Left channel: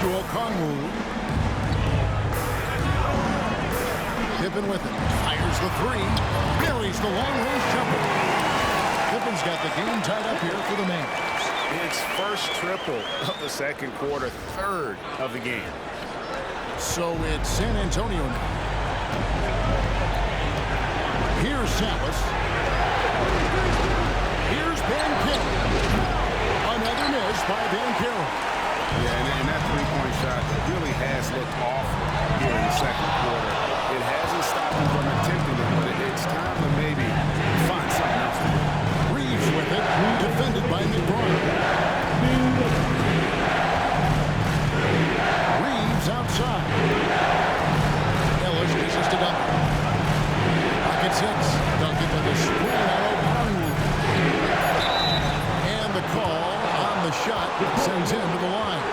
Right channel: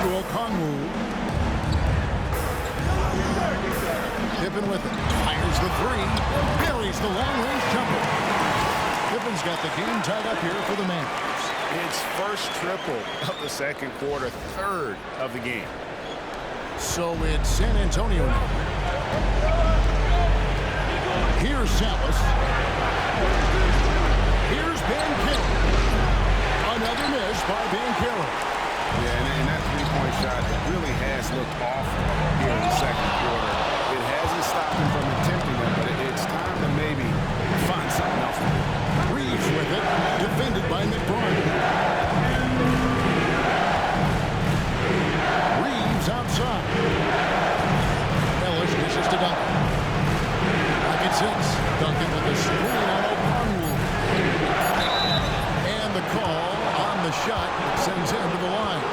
to Okongwu. Pippen with it. Fires the three. Buries the long-range jumper. Pippen's got the game tied up here for the Mavericks. It's first triple of the second quarter, third of the game. So it's San Antonio now. Here's Salas. Here's Banchero. Another miss by Banchero. Yeah, and that three-point shot really has looked awful here in the second quarter. It hasn't stopped him from attempting them, but it's time to maybe find something else to do. Reeves with it, defended by McBride. Reeves outside. Ellis misses to Duncan. Pocket six. Duncan with a screen on Okongwu. And the call on the shot that sends him to the line.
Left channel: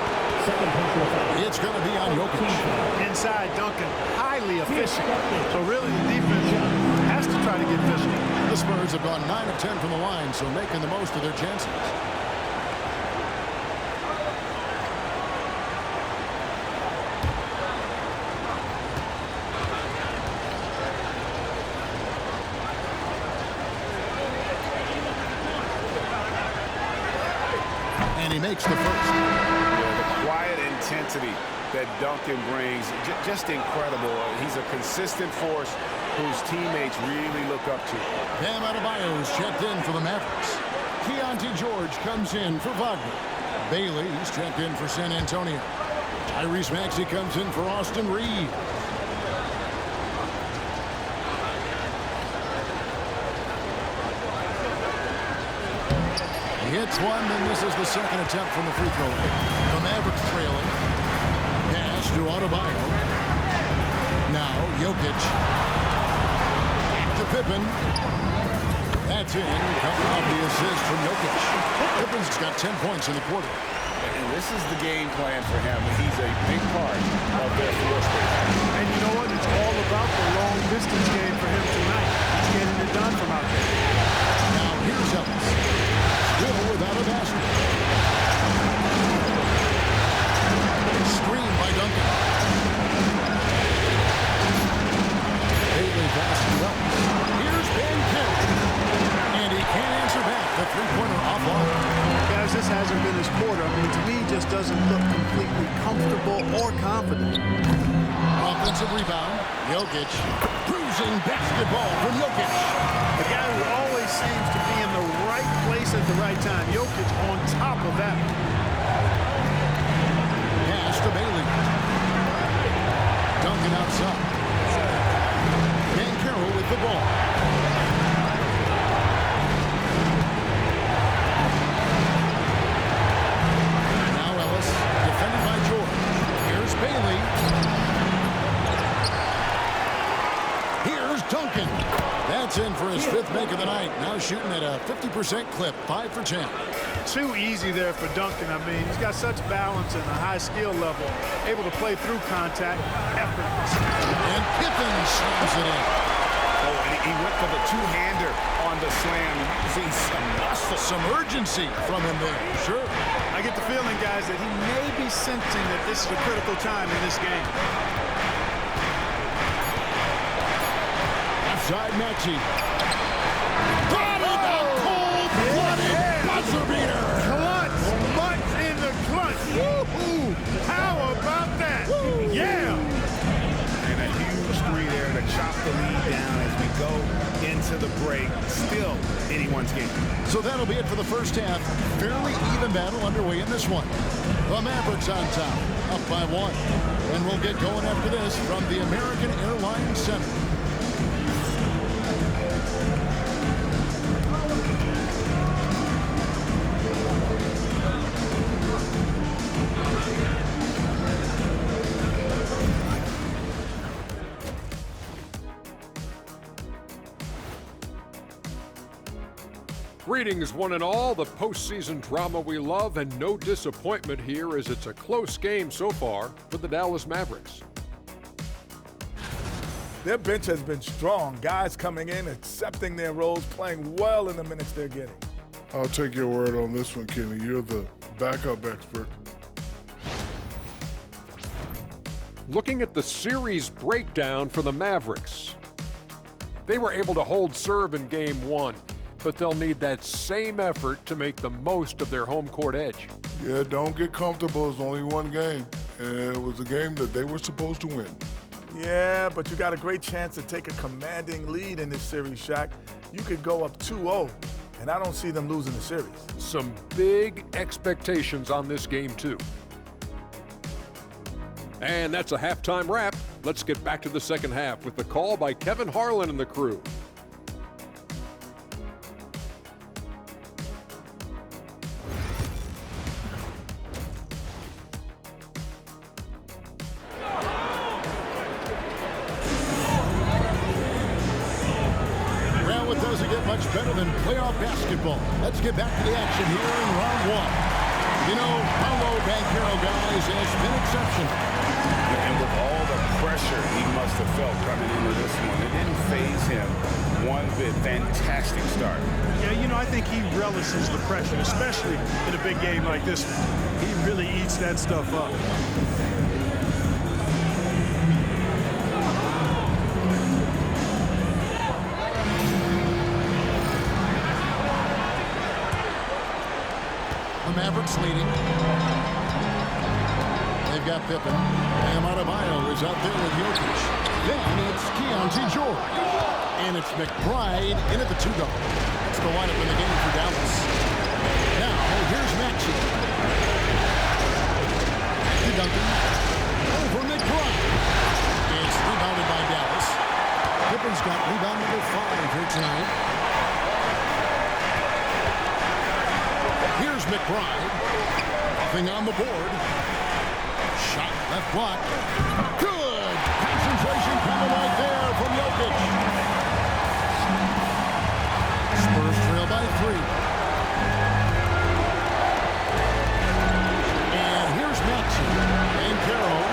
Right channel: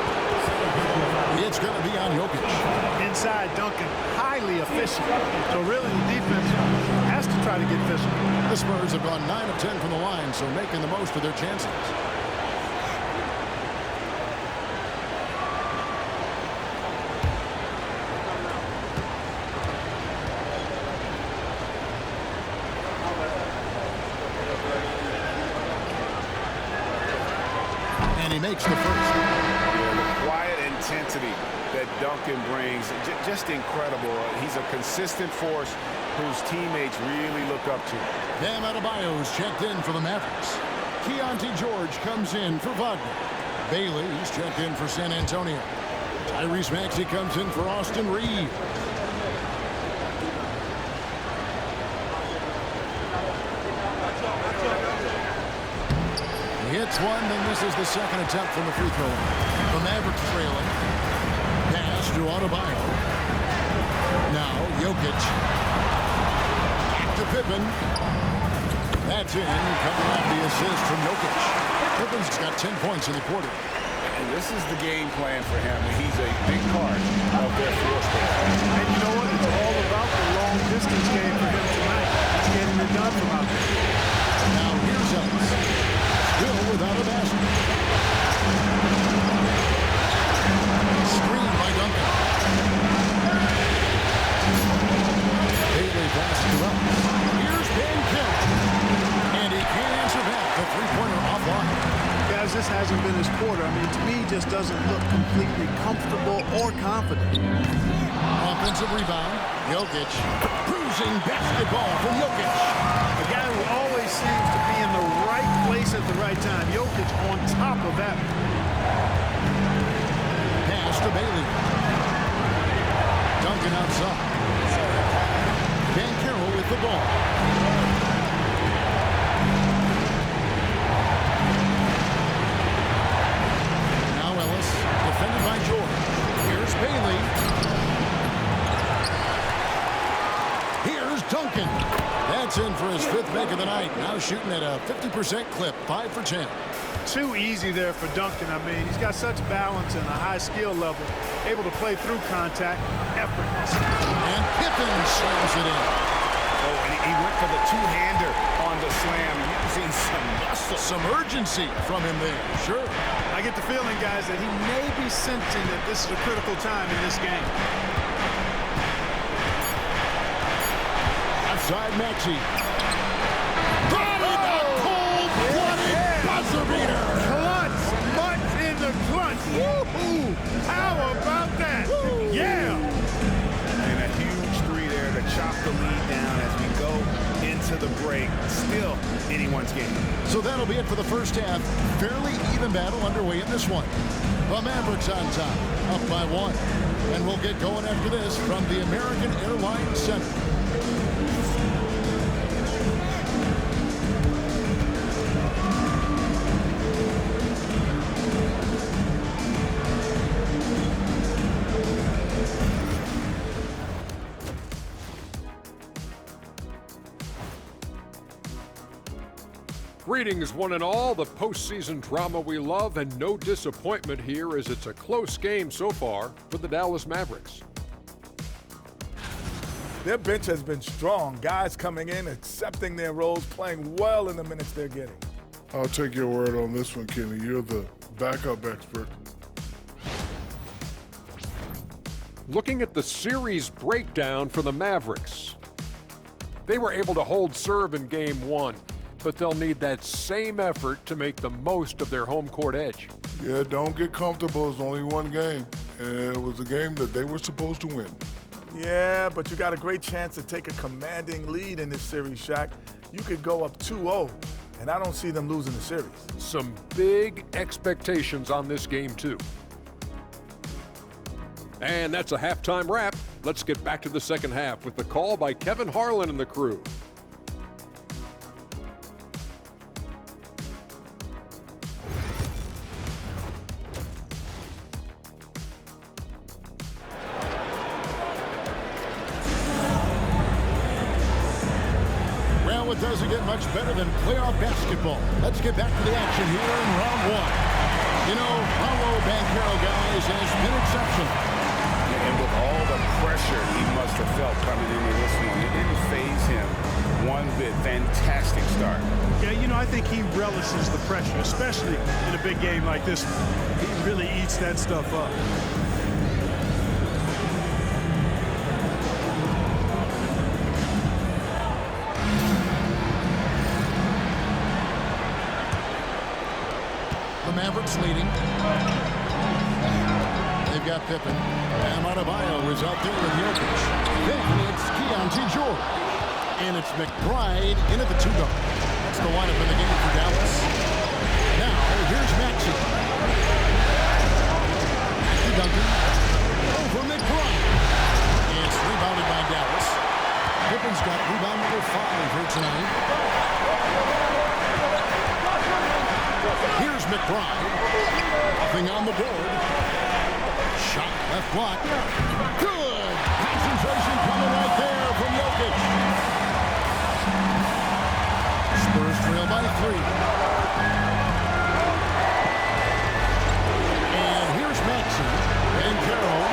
It's going to be on Jokic. Inside Duncan, highly efficient. So really the defense has to try to get physical. The Spurs have gone 9 of 10 from the line, so making the most of their chances. And he makes the first. Yeah, the quiet intensity that Duncan brings, just incredible. He's a consistent force whose teammates really look up to. Bam Adebayo's checked in for the Mavericks. Keontae George comes in for Wagner. Bailey's checked in for San Antonio. Tyrese Maxey comes in for Austin Reeves. He hits one, then this is the second attempt from the free throw line. The Mavericks trailing. Pass to Adebayo. Now Jokic. Back to Pippen. That's in, coming off the assist from Jokic. Pippen's got 10 points in the quarter. And this is the game plan for him. He's a big part of their floor space. And you know what? It's all about the long distance game for him tonight. He's getting it done from out there. Now here's Ellis. Still without a basket. Screen by Duncan. Bailey passes to Ellis. Here's Banchero. And he can't answer back. The three-pointer offline. Guys, this hasn't been his quarter. I mean, to me, he just doesn't look completely comfortable or confident. Offensive rebound. Jokic. Bruising basketball from Jokic. A guy who always seems to be in the right place at the right time. Jokic on top of that. Pass to Bailey. Duncan outside. Banchero with the ball. Now Ellis, defended by George. Here's Bailey. Here's Duncan. That's in for his fifth make of the night. Now shooting at a 50% clip, 5 for 10. Too easy there for Duncan. I mean, he's got such balance and a high skill level, able to play through contact, effortless. And Pippen slams it in. Oh, and he went for the two-hander on the slam, using some muscle. Some urgency from him there, sure. I get the feeling, guys, that he may be sensing that this is a critical time in this game. Outside Maxey. Got it! A cold-blooded buzzer beater! Clutch! Much in the clutch! Woo-hoo! How about that? Woo. Yeah! And a huge three there to chop the lead down as we go into the break. Still anyone's game. So that'll be it for the first half. Fairly even battle underway in this one. The Mavericks on top, up by 1. And we'll get going after this from the American Airlines Center. Greetings, one and all. The postseason drama we love, and no disappointment here as it's a close game so far for the Dallas Mavericks. Their bench has been strong. Guys coming in, accepting their roles, playing well in the minutes they're getting. I'll take your word on this one, Kenny. You're the backup expert. Looking at the series breakdown for the Mavericks. They were able to hold serve in Game 1, but they'll need that same effort to make the most of their home court edge. Yeah, don't get comfortable. It's only one game. And it was a game that they were supposed to win. Yeah, but you got a great chance to take a commanding lead in this series, Shaq. You could go up 2-0, and I don't see them losing the series. Some big expectations on this game, too. And that's a halftime wrap. Let's get back to the second half with the call by Kevin Harlan and the crew. Well, it doesn't get much better than playoff basketball. Let's get back to the action here in round one. You know, Paolo Banchero, guys, has been exceptional. And with all the pressure he must have felt coming into this one, it didn't faze him one bit. Fantastic start. Yeah, you know, I think he relishes the pressure, especially in a big game like this one. He really eats that stuff up. The Mavericks leading. They've got Pippen. Bam Adebayo is out there with Jokic. Then it's Keontae George. And it's McBride in at the 2 guard. That's the lineup in the game for Dallas. Now, here's Maxey. Back to Duncan. Over McBride. It's rebounded by Dallas. Pippen's got rebound number 5 here tonight. Here's McBride. Nothing on the board. Shot left block. Good. Concentration coming right there from Jokic. Spurs trail by 3. And here's Maxey. And Carroll.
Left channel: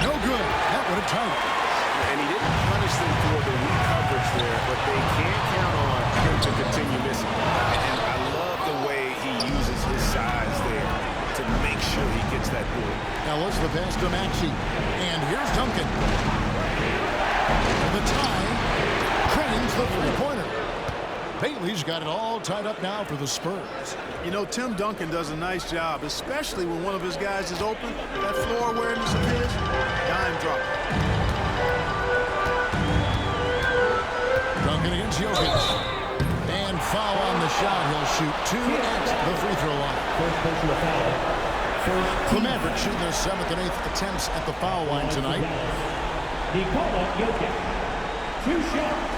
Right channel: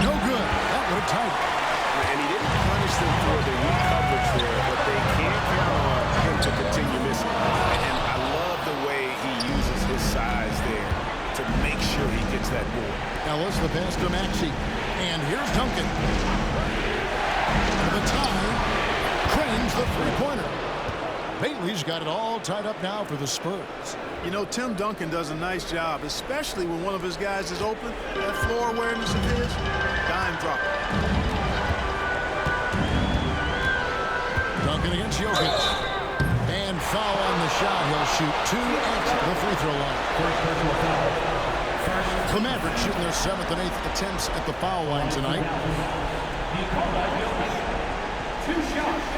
No good. That would have tied it. And he didn't punish them for the weak coverage there, but they can't count on him to continue missing. And I love the way he uses his size there to make sure he gets that ball. Ellis, the pass to Maxey. And here's Duncan. For the tie, Crane's the three-pointer. Bailey's got it all tied up now for the Spurs. You know, Tim Duncan does a nice job, especially when one of his guys is open. That floor awareness of his, dime drop. Duncan against Jokic. And foul on the shot. He'll shoot 2 at the free throw line. The Mavericks shooting their 7th and 8th attempts at the foul line tonight. Nikola Jokic. 2 shots.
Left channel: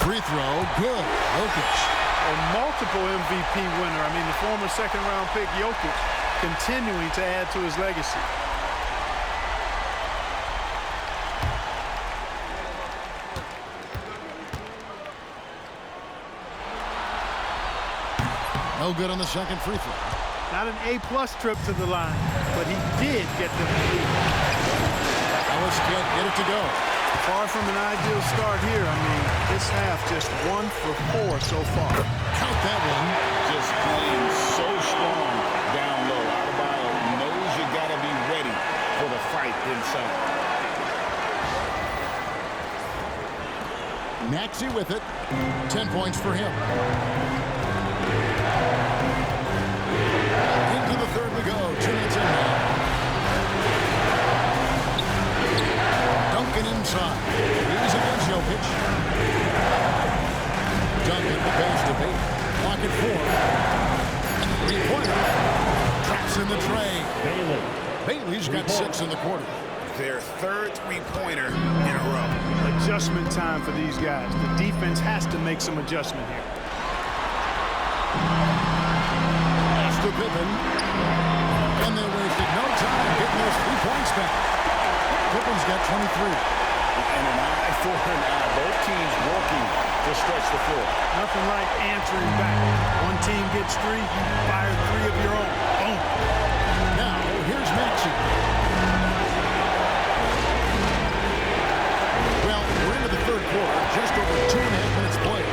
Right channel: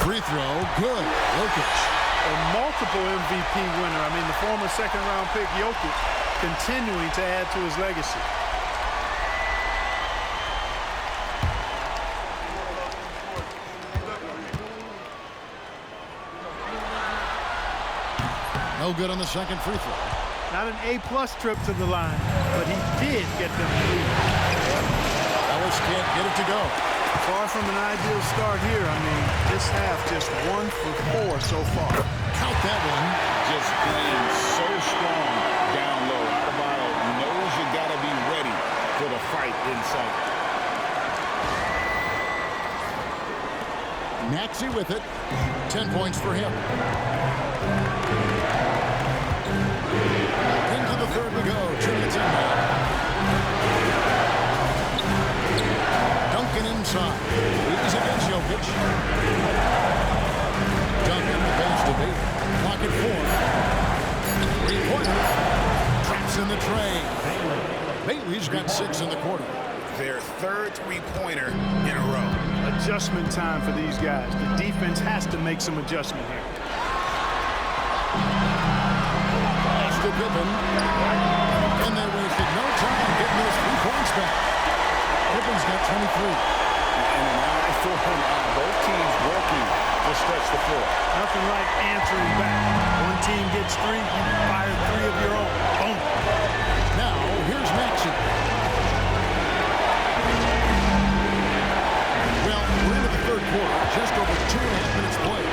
Free throw, good. Jokic. A multiple MVP winner. I mean, the former second-round pick, Jokic, continuing to add to his legacy. No good on the second free throw. Not an A-plus trip to the line, but he did get them to lead. Ellis can't get it to go. Far from an ideal start here. I mean, this half just 1 for 4 so far. Count that one. Just playing so strong down low. Adebayo knows you got to be ready for the fight inside. Maxey with it. 10 points for him. Into the third we go. 2 minutes in now. Duncan inside. He's against Jokic. Duncan, the pass to Bailey. Block it 4. Three-pointer. Traps in the tray. Bailey's got 6 in the quarter. Their third three-pointer in a row. Adjustment time for these guys. The defense has to make some adjustment here. Pass to Pippen. And they wasted no time getting those 3 points back. Pippen's got 23. And an eye for an eye. Both teams working to stretch the floor. Nothing like answering back. One team gets 3, you fire 3 of your own. Boom. Now, here's Maxey. quarter. Just over 2.5 minutes played.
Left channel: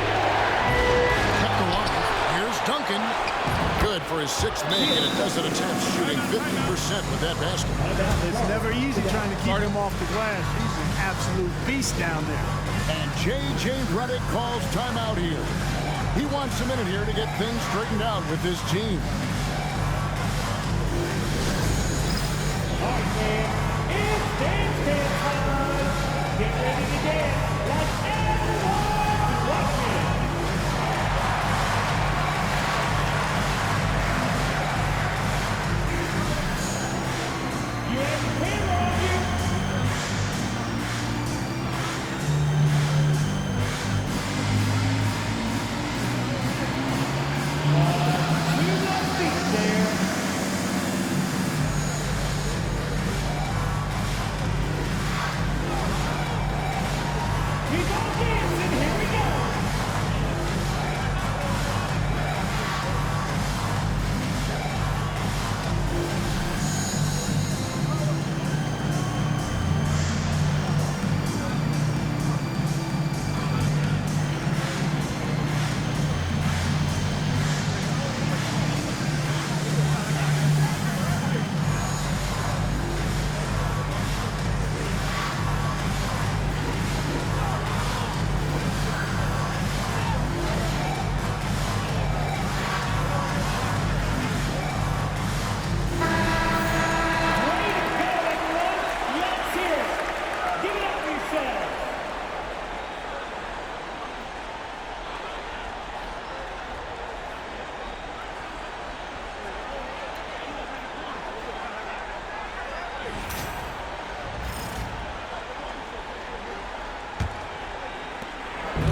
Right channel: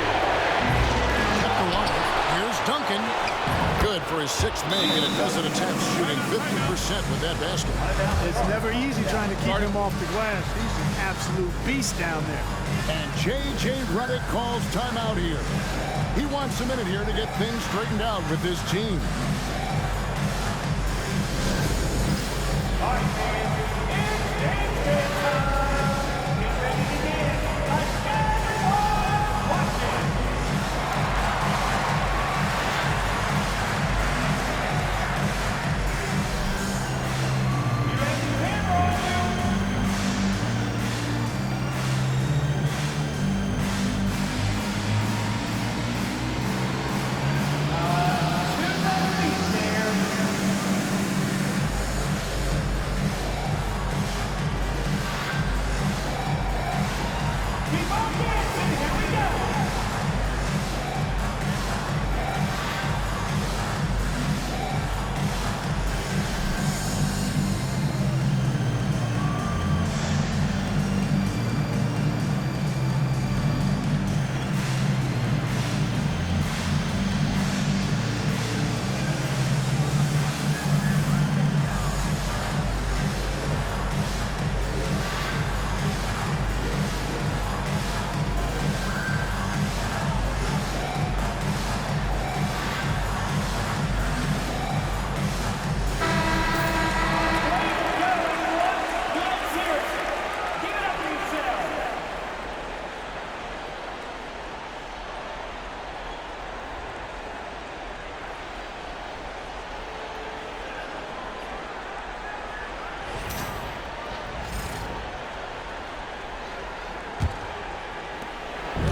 Kept alive. Here's Duncan. Good for his 6th make in a dozen attempts, shooting 50% with that basket. It's never easy trying to keep him off the glass. He's an absolute beast down there. And J.J. Redick calls timeout here. He wants a minute here to get things straightened out with his team. All right, man. It's dance time. Get ready to dance like everyone watching. You have the camera on you. To the feet there. Keep on dancing, here we go. Way to go, everyone. Let's hear it. Give it up for yourselves.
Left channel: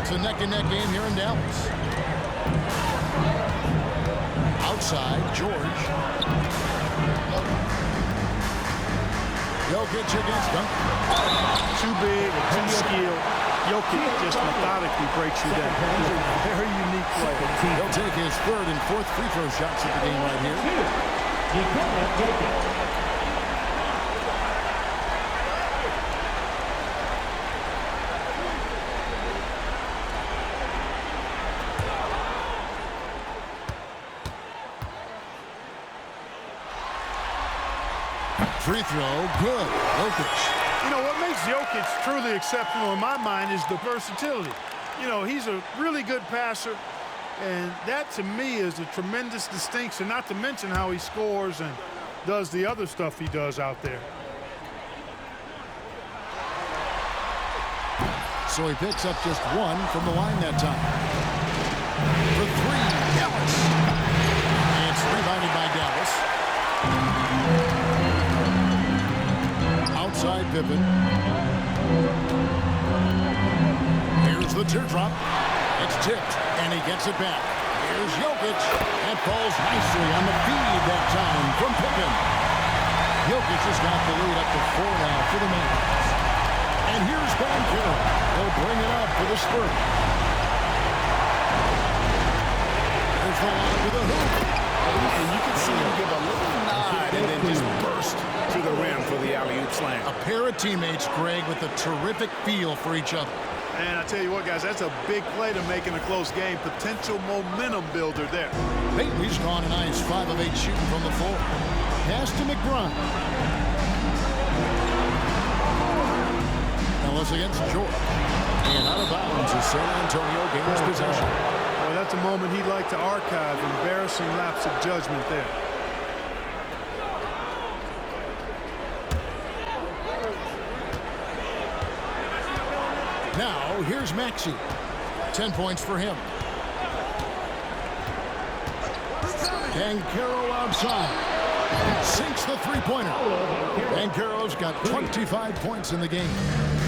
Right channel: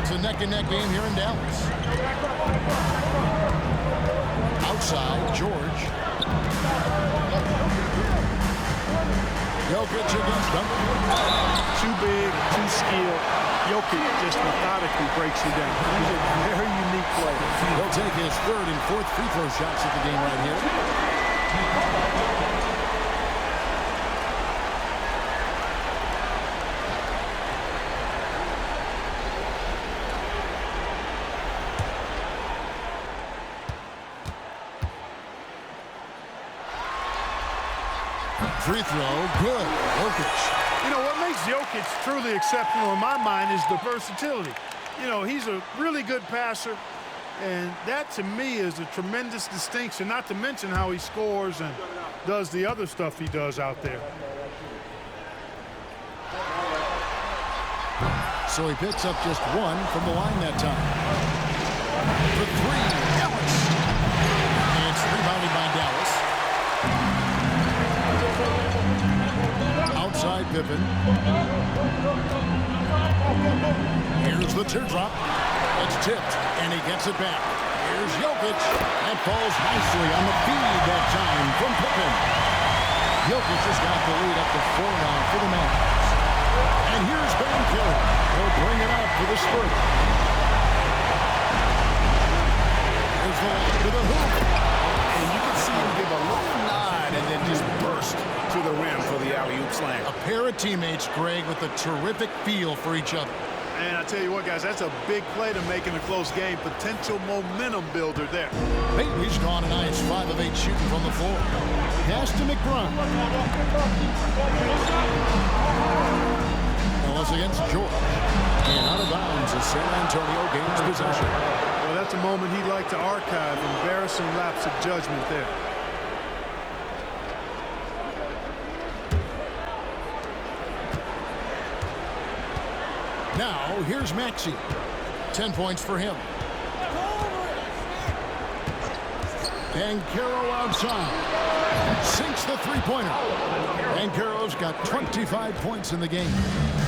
It's a neck-and-neck game here in Dallas. Outside, George. Jokic against Duncan. Too big, too skilled. Jokic just methodically breaks you down. He's a very unique player. He'll take his 3rd and 4th free throw shots at the game right here. Nikola Jokic. Free throw, good. Jokic. You know, what makes Jokic truly exceptional in my mind is the versatility. You know, he's a really good passer, and that to me is a tremendous distinction, not to mention how he scores and does the other stuff he does out there. So he picks up just 1 from the line that time. For 3, Dallas. It's rebounded by Dallas. Outside Pippen. Here's the teardrop. It's tipped, and he gets it back. Here's Jokic. That falls nicely on the feed that time from Pippen. Jokic has got the lead up to 4 now for the Mavericks. And here's Banchero. He'll bring it up for the Spurs. There's the line to the hoop. And you can see him give a little nod and then just burst to the rim for the alley-oop slam. A pair of teammates, Greg, with a terrific feel for each other. And I tell you what, guys, that's a big play to make in a close game. Potential momentum builder there. Bailey's gone a nice 5 of 8 shooting from the floor. Pass to McBride. Ellis against George. And out of bounds as San Antonio gains possession. Well, that's a moment he'd like to archive. Embarrassing lapse of judgment there. Now, here's Maxey. 10 points for him. Banchero outside. Sinks the three-pointer. Banchero's got 25 points in the game.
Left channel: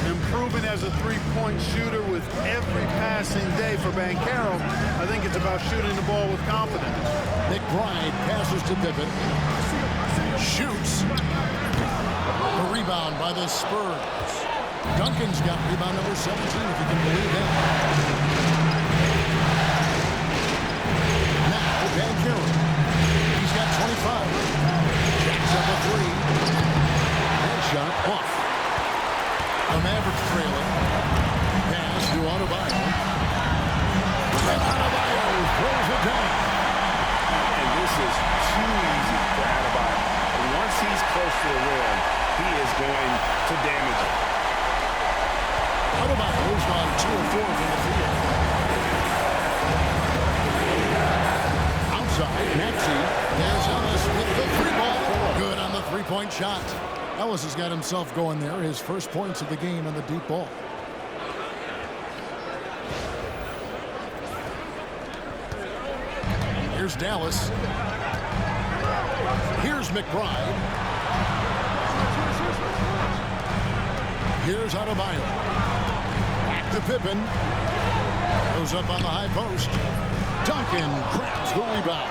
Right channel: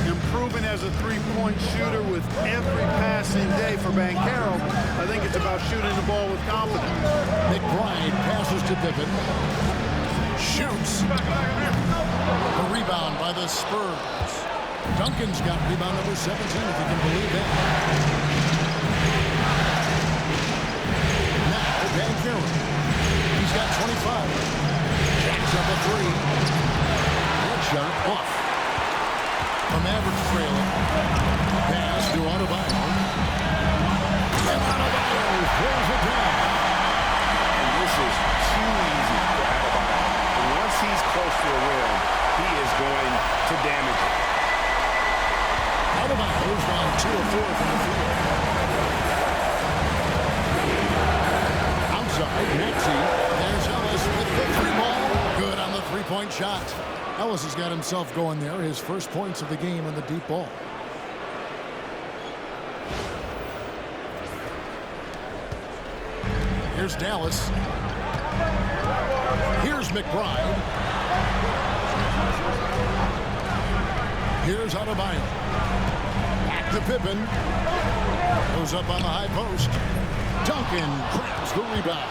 Improving as a three-point shooter with every passing day for Banchero. I think it's about shooting the ball with confidence. McBride passes to Pippen. Shoots. The rebound by the Spurs. Duncan's got rebound number 17, if you can believe that. Now, Banchero. He's got 25. Jacks up a 3. That shot off. The Mavericks trailing. Pass to Adebayo. And Adebayo throws it down. And this is too easy for Adebayo. Once he's close to the rim, he is going to damage it. Adebayo's gone 2 of 4 from the field. Outside, Maxey. There's Ellis with the 3-ball. Good on the 3-point shot. Ellis has got himself going there. His first points of the game on the deep ball. Here's Dallas. Here's McBride. Here's Adebayo. Back to Pippen. Goes up on the high post. Duncan grabs the rebound.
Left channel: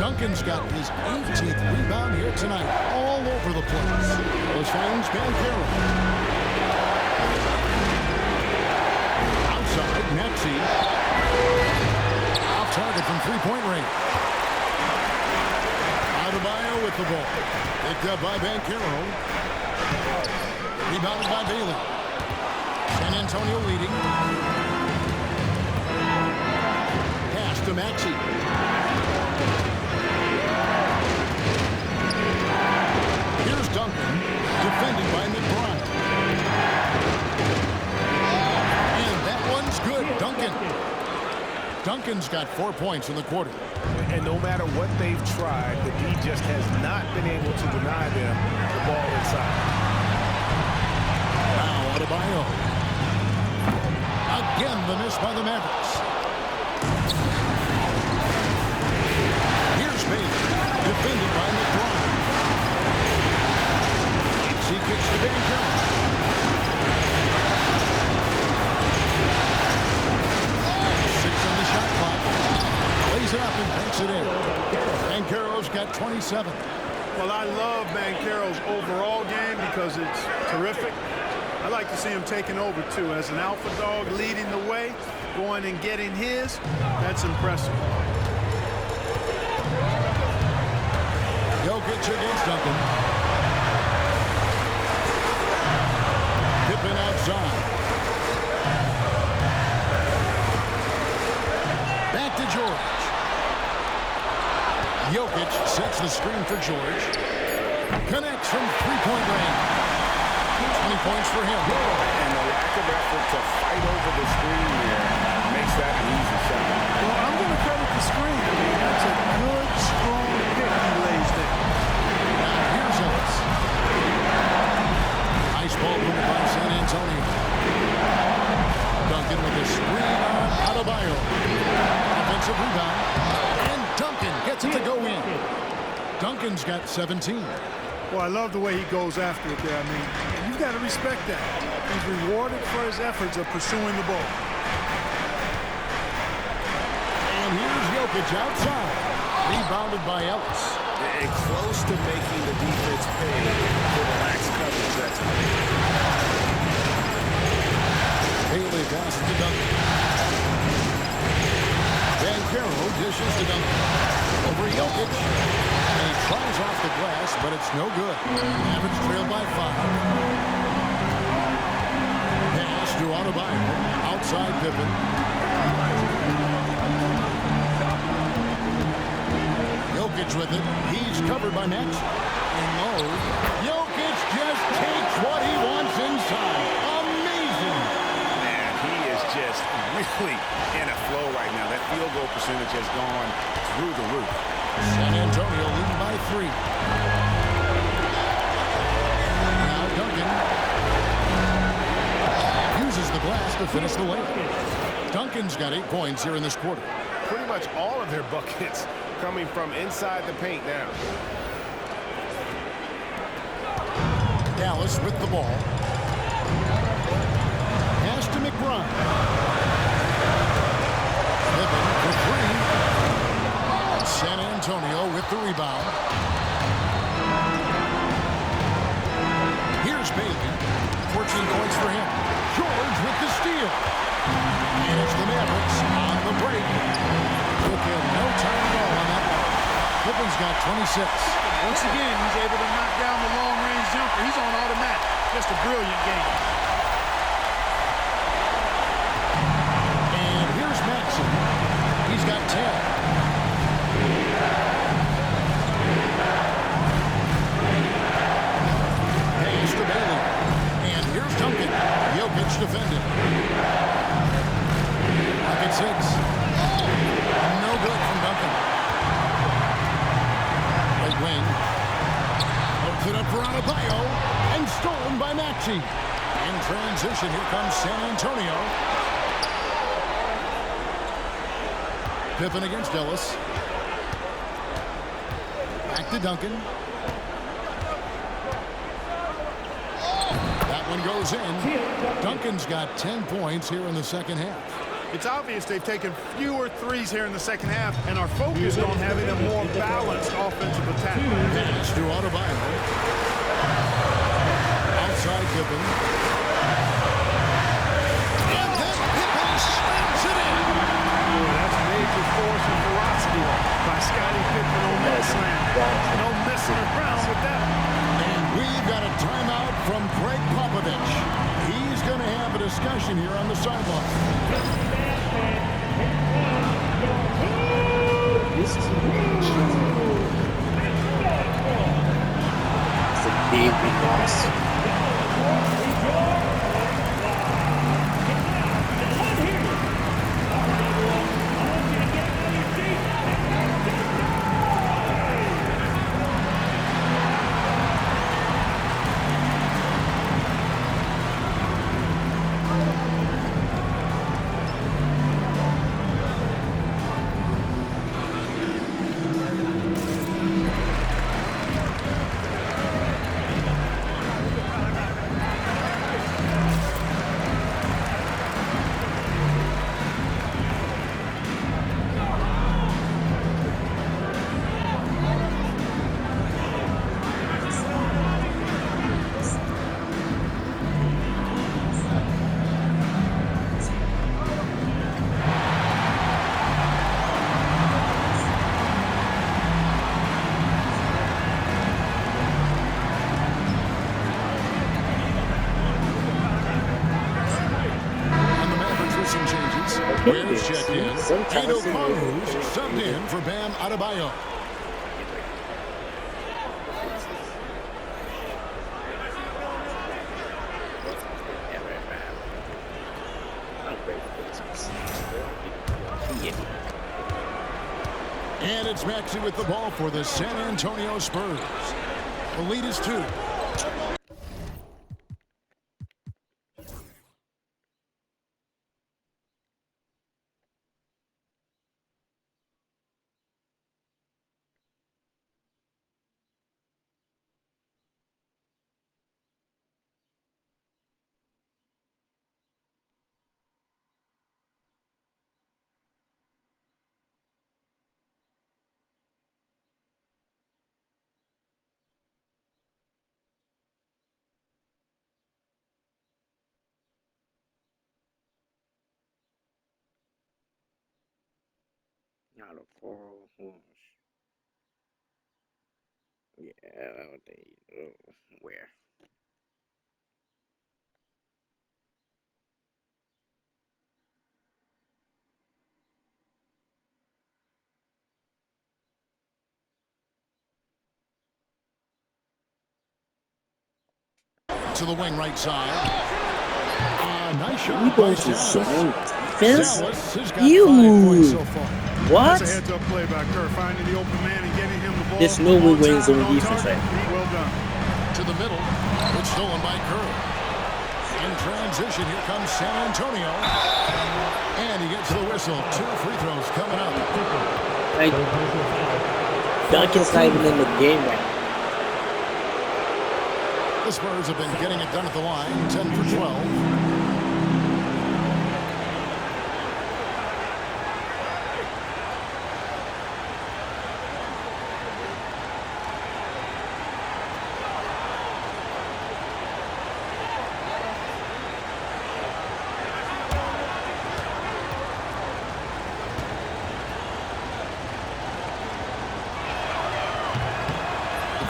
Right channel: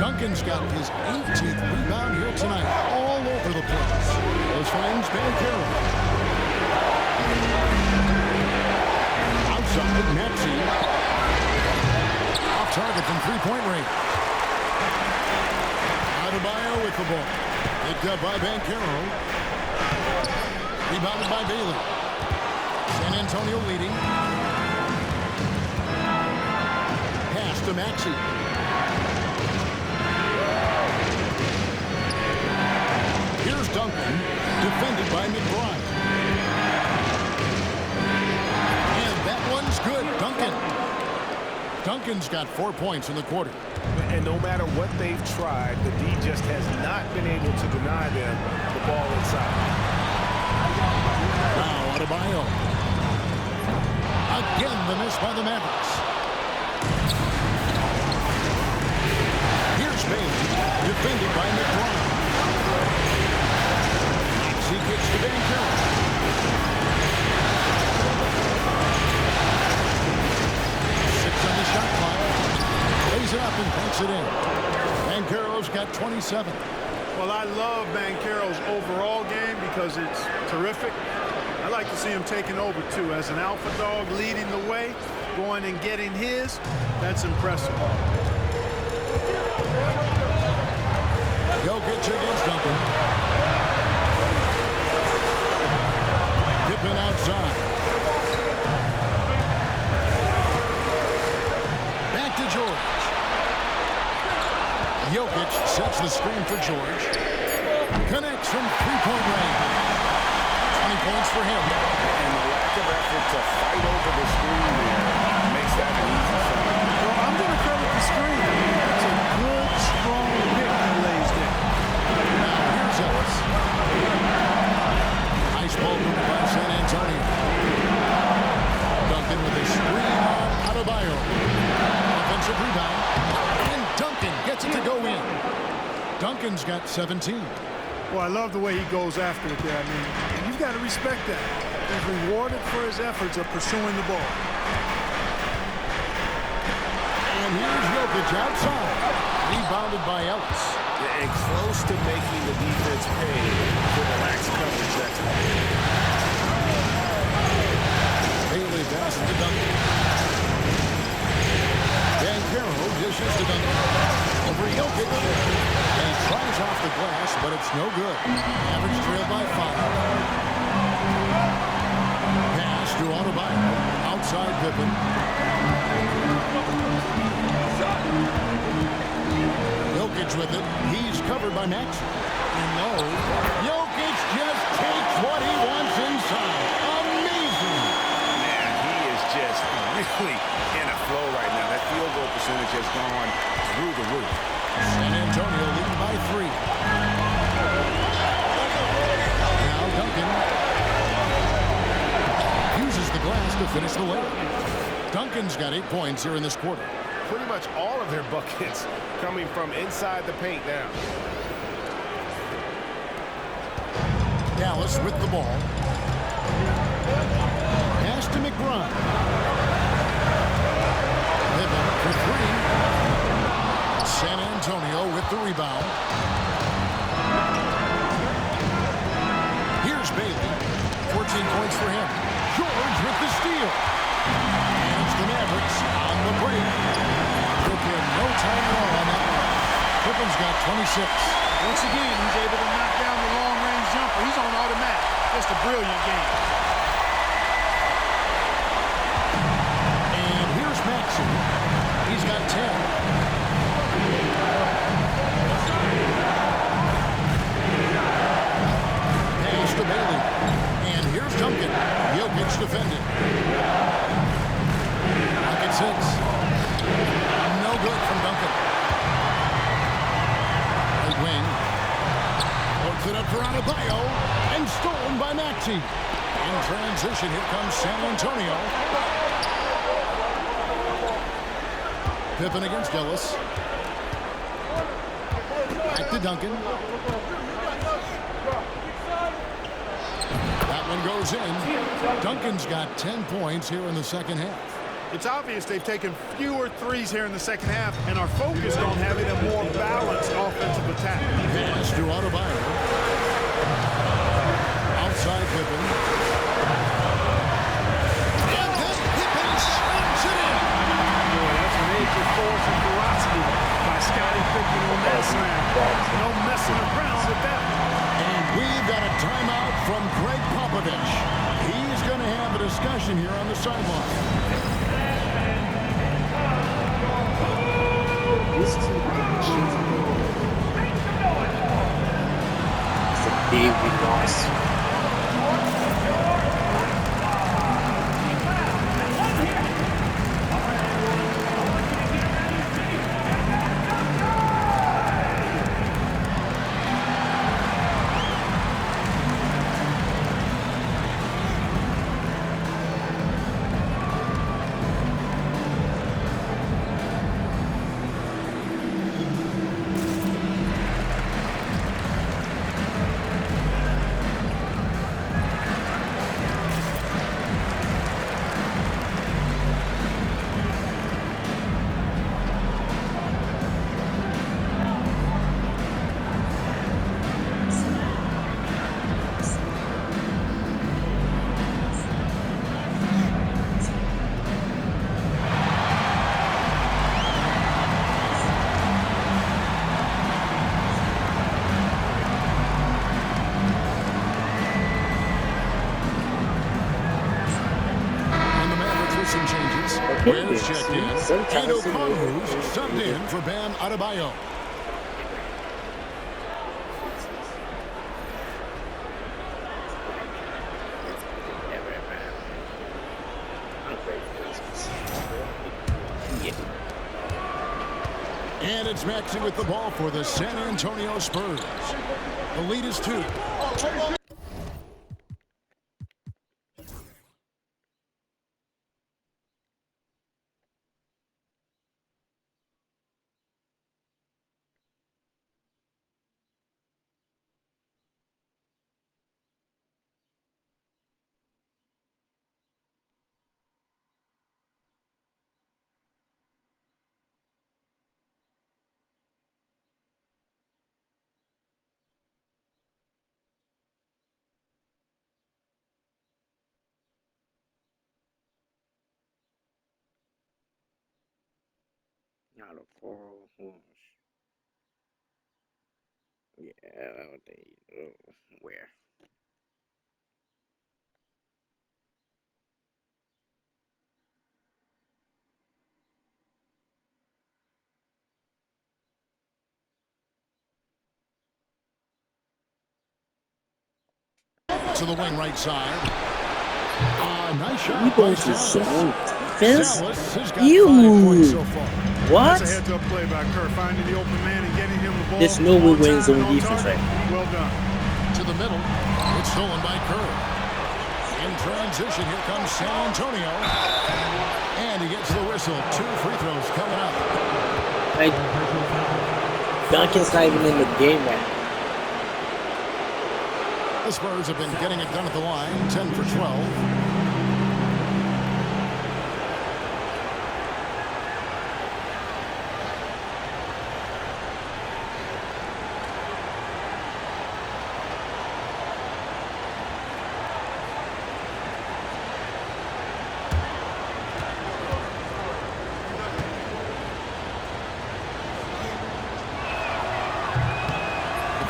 Duncan's got his 18th rebound here tonight. All over the place. Ellis finds Banchero. Outside, Maxey. Off target from 3-point range. Adebayo with the ball. Picked up by Banchero. Rebounded by Bailey. San Antonio leading. Pass to Maxey. Here's Duncan, defended by McBride. And that one's good. Duncan's got 4 points in the quarter. And no matter what they've tried, the D just has not been able to deny them the ball inside. Now Adebayo. Again, the miss by the Mavericks. Here's Bailey, defended by McBride. Maxey kicks to Banchero. On the shot clock. Lays it up and banks it in. Banchero's got 27. Well, I love Banchero's overall game because it's terrific. I like to see him taking over, too. As an alpha dog leading the way, going and getting his, that's impressive. Jokic against Duncan. Pippen outside. Back to George. Jokic sets the screen for George. Connects from 3-point range. 20 points for him. And the lack of effort to fight over the screen there makes that an easy shot. Well, I'm going to credit the screen. I mean, that's a good, strong pick he lays there. Now here's Ellis. Nice ball movement by San Antonio. Duncan with his screen on Adebayo. Offensive rebound. And Duncan gets it to go in. Duncan's got 17. Well, I love the way he goes after it there. I mean, and you've got to respect that. He's rewarded for his efforts of pursuing the ball. And here's Jokic outside. Rebounded by Ellis. And close to making the defense pay for the lax coverage that time. Bailey passes to Duncan. Banchero dishes to Duncan. Over Jokic. And he tries off the glass, but it's no good. Average trailed by 5. Pass to Adebayo. Outside Pippen. Jokic with it. He's covered by Maxey. In low. Jokic just takes what he wants inside. Amazing. Man, he is just really in a flow right now. That field goal percentage has gone through the roof. San Antonio leading by 3. Now Duncan uses the glass to finish the layup. Duncan's got 8 points here in this quarter. Pretty much all of their buckets coming from inside the paint now. Dallas with the ball. Pass to McBride. Pippen for 3. San Antonio with the rebound. Here's Bailey. 14 points for him. George with the steal. And it's the Mavericks on the break. Took him no time at all on that one. Pippen's got 26. Once again, he's able to knock down the long-range jumper. He's on automatic. Just a brilliant game. Maxey. He's got 10. Pass to Bailey. And here's Duncan. Jokic defended. Look at 6. No good from Duncan. Right wing. Loads it up for Adebayo. And stolen by Maxey. In transition, here comes San Antonio. Pippen against Ellis. Back to Duncan. That one goes in. Duncan's got 10 points here in the second half. It's obvious they've taken fewer threes here in the second half and are focused on having a more balanced offensive attack. Pass to Adebayo. Outside Pippen. And then Pippen slams it in. Boy, that's major force and ferocity by Scottie Pippen on that slam. No messing around with that one. And we've got a timeout from Greg Popovich. He's going to have a discussion here on the sideline. This team it's a big loss. Some changes. Ware's checked in. And O'Connor's subbed in for Bam Adebayo. And it's Maxey with the ball for the San Antonio Spurs. The lead is 2. Not a 401. Yeah, they where? To the wing right side. Nice shot. You by going to Sallis. zone defense? Sallis has got You. 5 points so far. What? That's a heads-up play by Kerr, finding the open man and getting him the ball. There's no way on we're in time zone and on defense target. right Well done. To the middle. It's stolen by Kerr. In transition, here comes San Antonio. And he gets the whistle. 2 free throws coming up. Like, Duncan's not even in the game right now. The Spurs have been getting it done at the line. 10 for 12.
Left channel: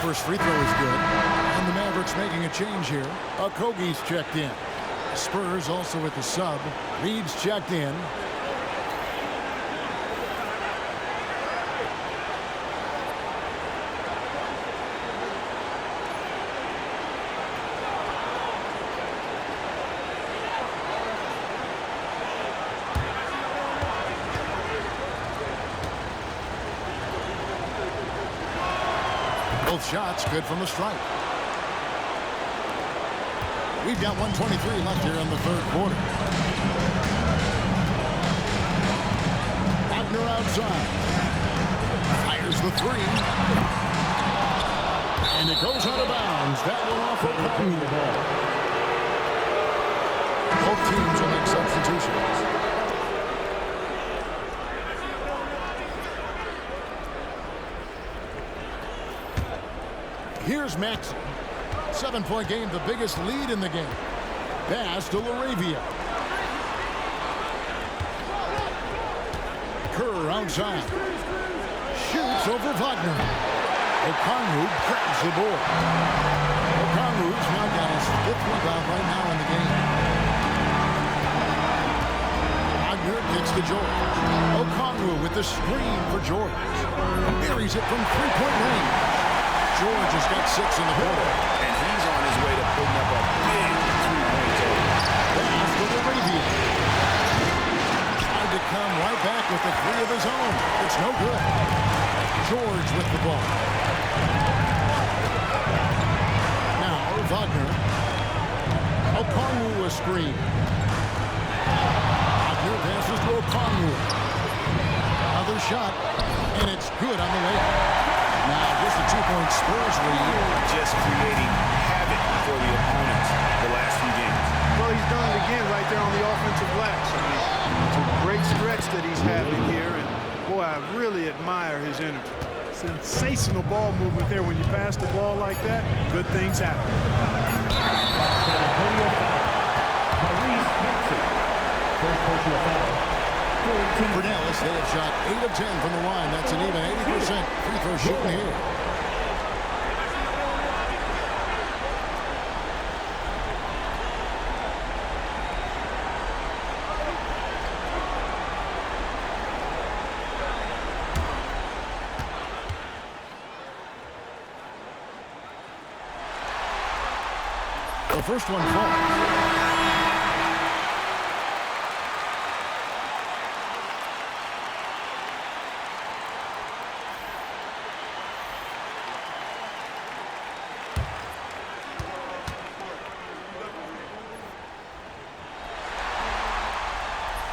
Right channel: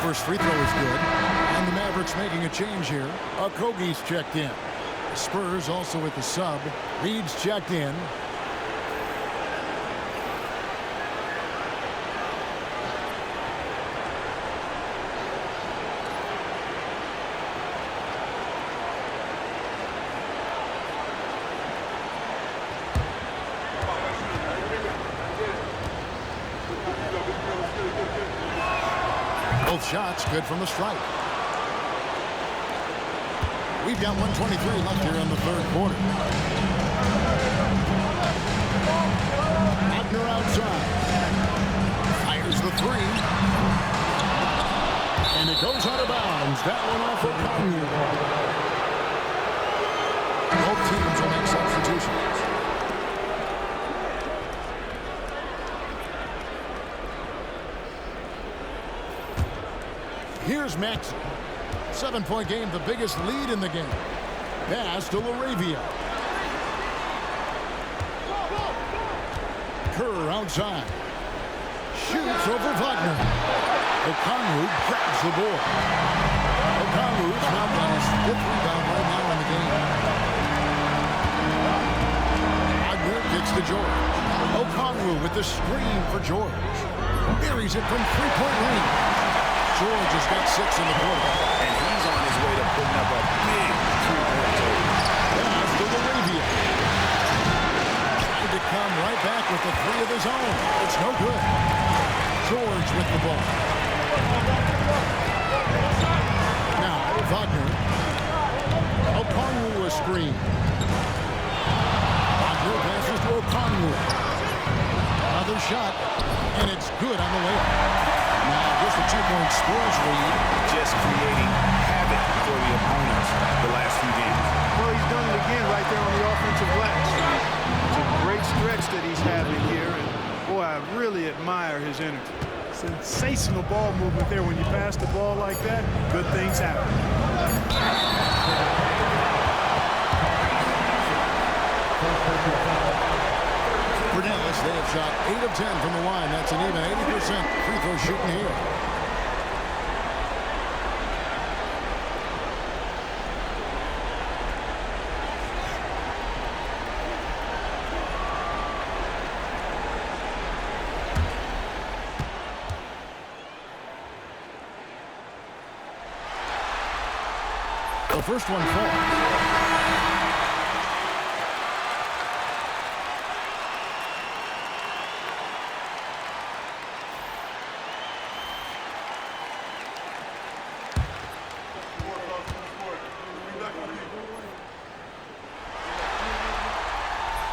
First free throw is good. And the Mavericks making a change here. Okogie's checked in. The Spurs also with the sub. Reed's checked in. Both shots good from the stripe. We've got 1:23 left here in the third quarter. Wagner outside. Fires the three. And it goes out of bounds. That one off of Conley. Both teams will make substitutions. Here's Maxey. 7-point game, the biggest lead in the game. Pass to Laravia. Kerr outside. Shoots over Wagner. Okongwu grabs the board. Okongwu's now got his 5th rebound right now in the game. Wagner kicks to George. Okongwu with the screen for George. Buries it from three-point range. George has got 6 in the quarter. And he's on his way to putting up a big three-point total. Pass to Laravia. Tried to come right back with the 3 of his own. It's no good. George with the ball. Now Wagner. Okongwu a screen. Wagner passes to Okongwu. Another shot, and it's good on the way up. Now just a 2-point Spurs lead. Just creating havoc for the opponents the last few games. Well, he's done it again right there on the offensive glass. I mean, it's a great stretch that he's having here, and boy, I really admire his energy. Sensational ball movement there. When you pass the ball like that, good things happen. For Dallas, they have shot 8 of 10 from the line. That's an even 80% free throw shooting here. The first one falls.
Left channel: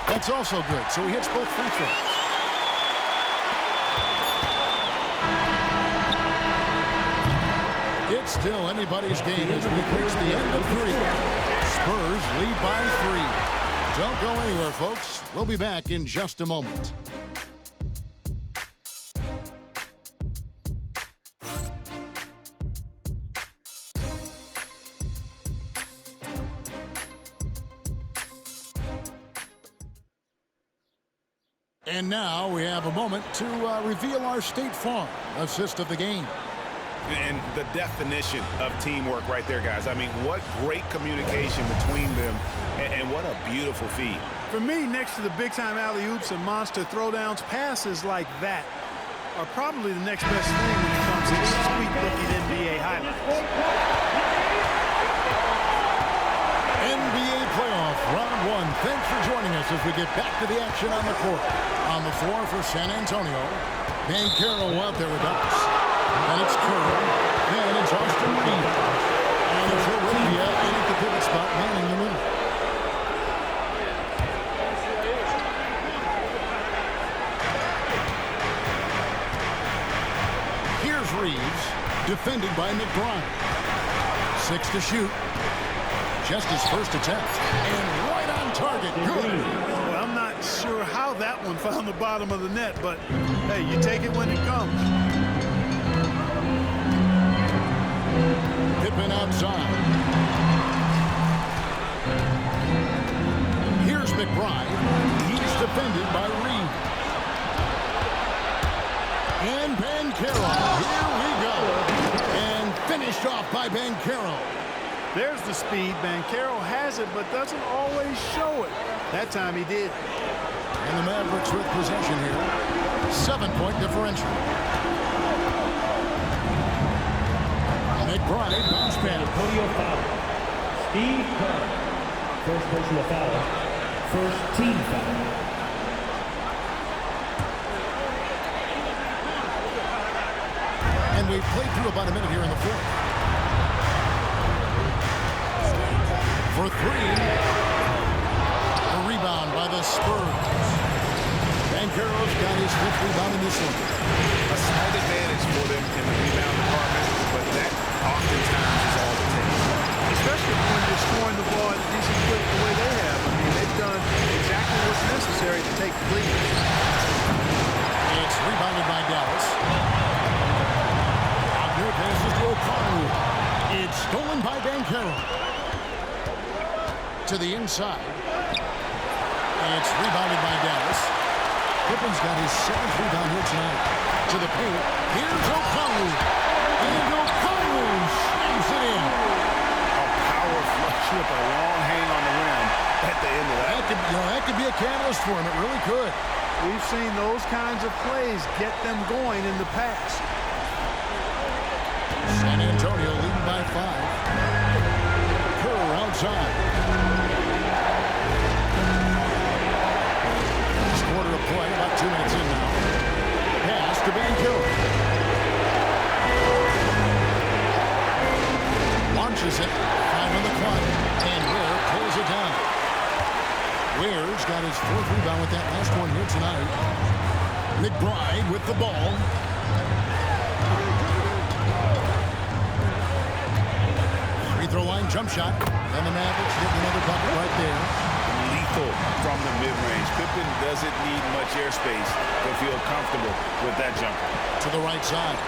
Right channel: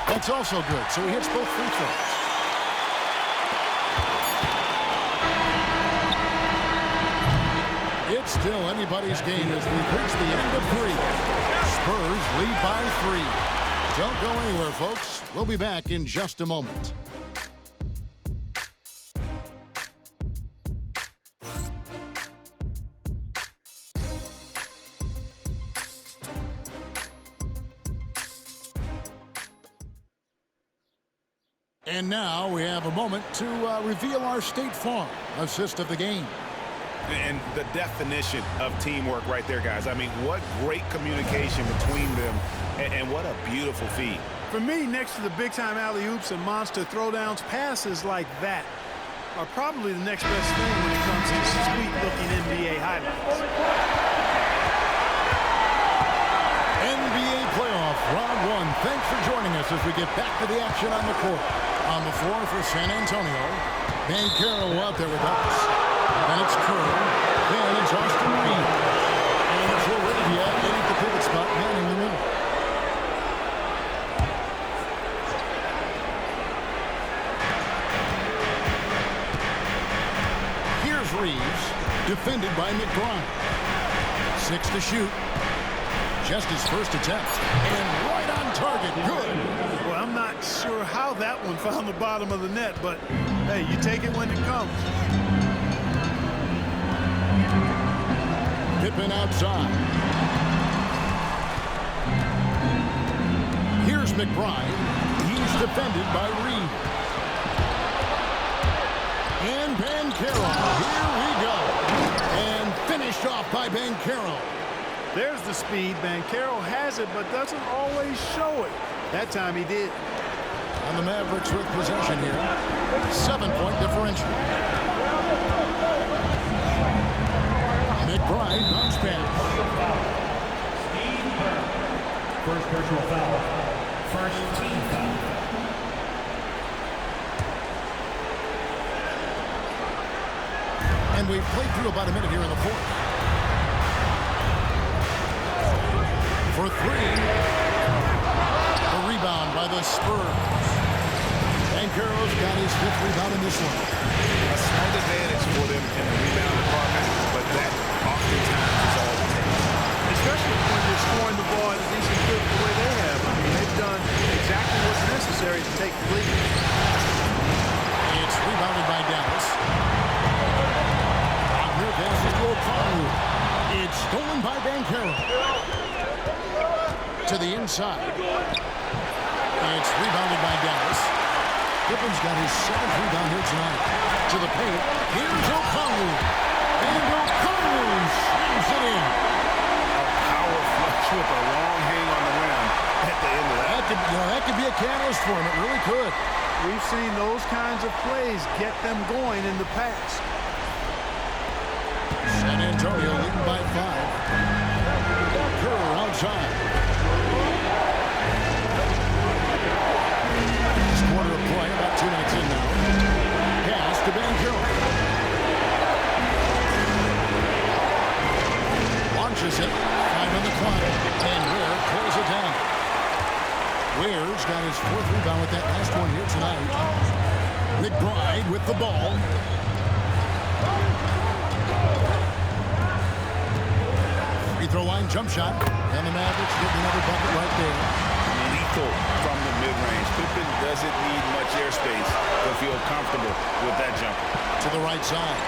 That's also good, so he hits both free throws. It's still anybody's game as we've reached the end of 3. Spurs lead by 3. Don't go anywhere, folks. We'll be back in just a moment. And now we have a moment to reveal our State Farm assist of the game. And the definition of teamwork right there, guys. I mean, what great communication between them, and what a beautiful feed. For me, next to the big-time alley-oops and monster throwdowns, passes like that are probably the next best thing when it comes to sweet-looking NBA highlights. NBA playoff round 1. Thanks for joining us as we get back to the action on the court. On the floor for San Antonio, Banchero out there with us. Then it's Kerr. Then it's Austin Reeves. And it's Laravia in at the pivot spot, manning the middle. Here's Reeves, defended by McBride. 6 to shoot. Just his first attempt. And right on target. Good. Well, I'm not sure how that one found the bottom of the net, but, hey, you take it when it comes. Pippen outside. Here's McBride. He's defended by Reeves. And Banchero. Here we go. And finished off by Banchero. There's the speed. Banchero has it, but doesn't always show it. That time he did. And the Mavericks with possession here. 7-point differential. McBride bounce pass. Steve Kerr. First personal foul. First team foul. And we've played through about a minute here in the fourth. For three. The rebound by the Spurs. Banchero's got his fifth rebound in this one. A slight advantage for them in the rebound department, but that oftentimes is all it takes. Especially when you're scoring the ball at a decent clip the way they have. I mean, they've done exactly what's necessary to take the lead. It's rebounded by Dallas. Wagner passes to O'Connell. It's stolen by Banchero. To the inside. It's rebounded by Dallas. Pippen's got his seventh rebound here tonight. To the paint. Here's O'Connell. And O'Connell slams it in. A power flush with a long hang on the rim at the end of that. That could be a catalyst for him. It really could. We've seen those kinds of plays get them going in the past. San Antonio leading by 5. Kerr outside. This quarter of play, about 2 minutes in now. Pass to Banchero. Launches it. 5 on the clock. And Ware pulls it down. Ware's got his fourth rebound with that last one here tonight. McBride with the ball. Free throw line jump shot. And the Mavericks getting another bucket right there. Lethal from the mid-range. Pippen doesn't need much airspace to feel comfortable with that jumper. To the right side.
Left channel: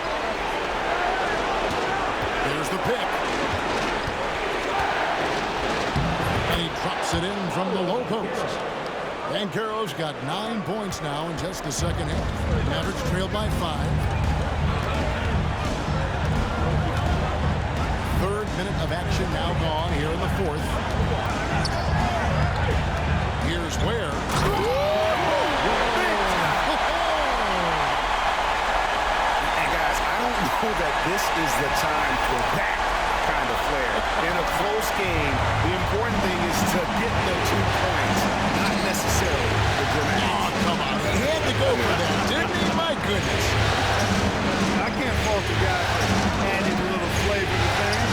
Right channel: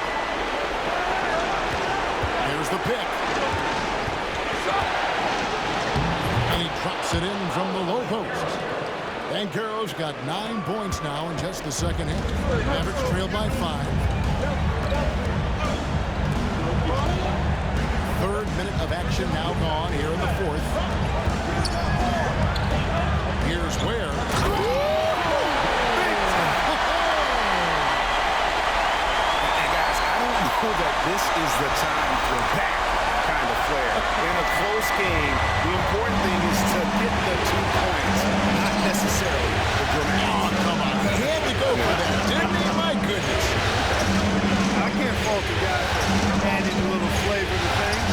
Here's the pick. And he drops it in from the low post. Banchero's got 9 points now in just the second half. Mavericks trail by 5. Third minute of action now gone here in the fourth. Here's Ware. And guys, I don't know that this is the time for that kind of flair. In a close game, the important thing is to get the 2 points, not necessarily the dramatic. Oh, come on. He had to go for that, didn't he? My goodness. I can't fault the guy for adding a little flavor to things.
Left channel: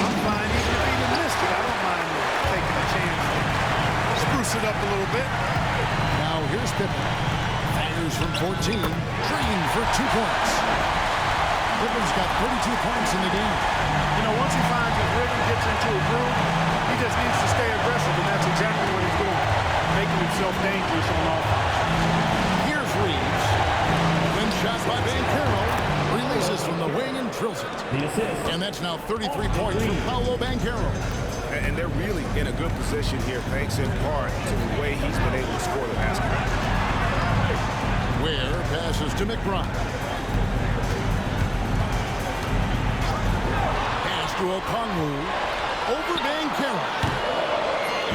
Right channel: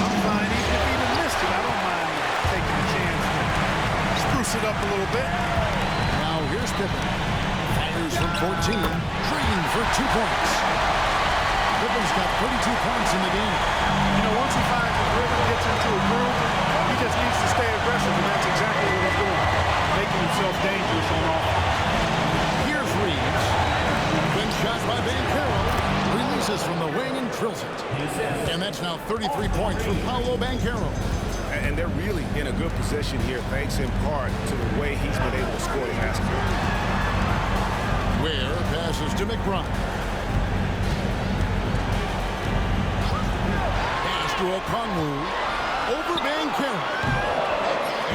I'm fine even if he even missed it. I don't mind taking a chance to spruce it up a little bit. Now here's Pippen. Fires from 14. Drained for 2 points. Pippen's got 32 points in the game. You know, once he finds his rhythm, gets into a groove, he just needs to stay aggressive, and that's exactly what he's doing, making himself dangerous on offense. Here's Reeves. Open shot by Banchero. Releases from the wing and drills it. And that's now 33 points from Paolo Banchero. And they're really in a good position here, thanks in part to the way he's been able to score the basketball. Ware passes to McBride. Pass to O'Connell. Over Banchero.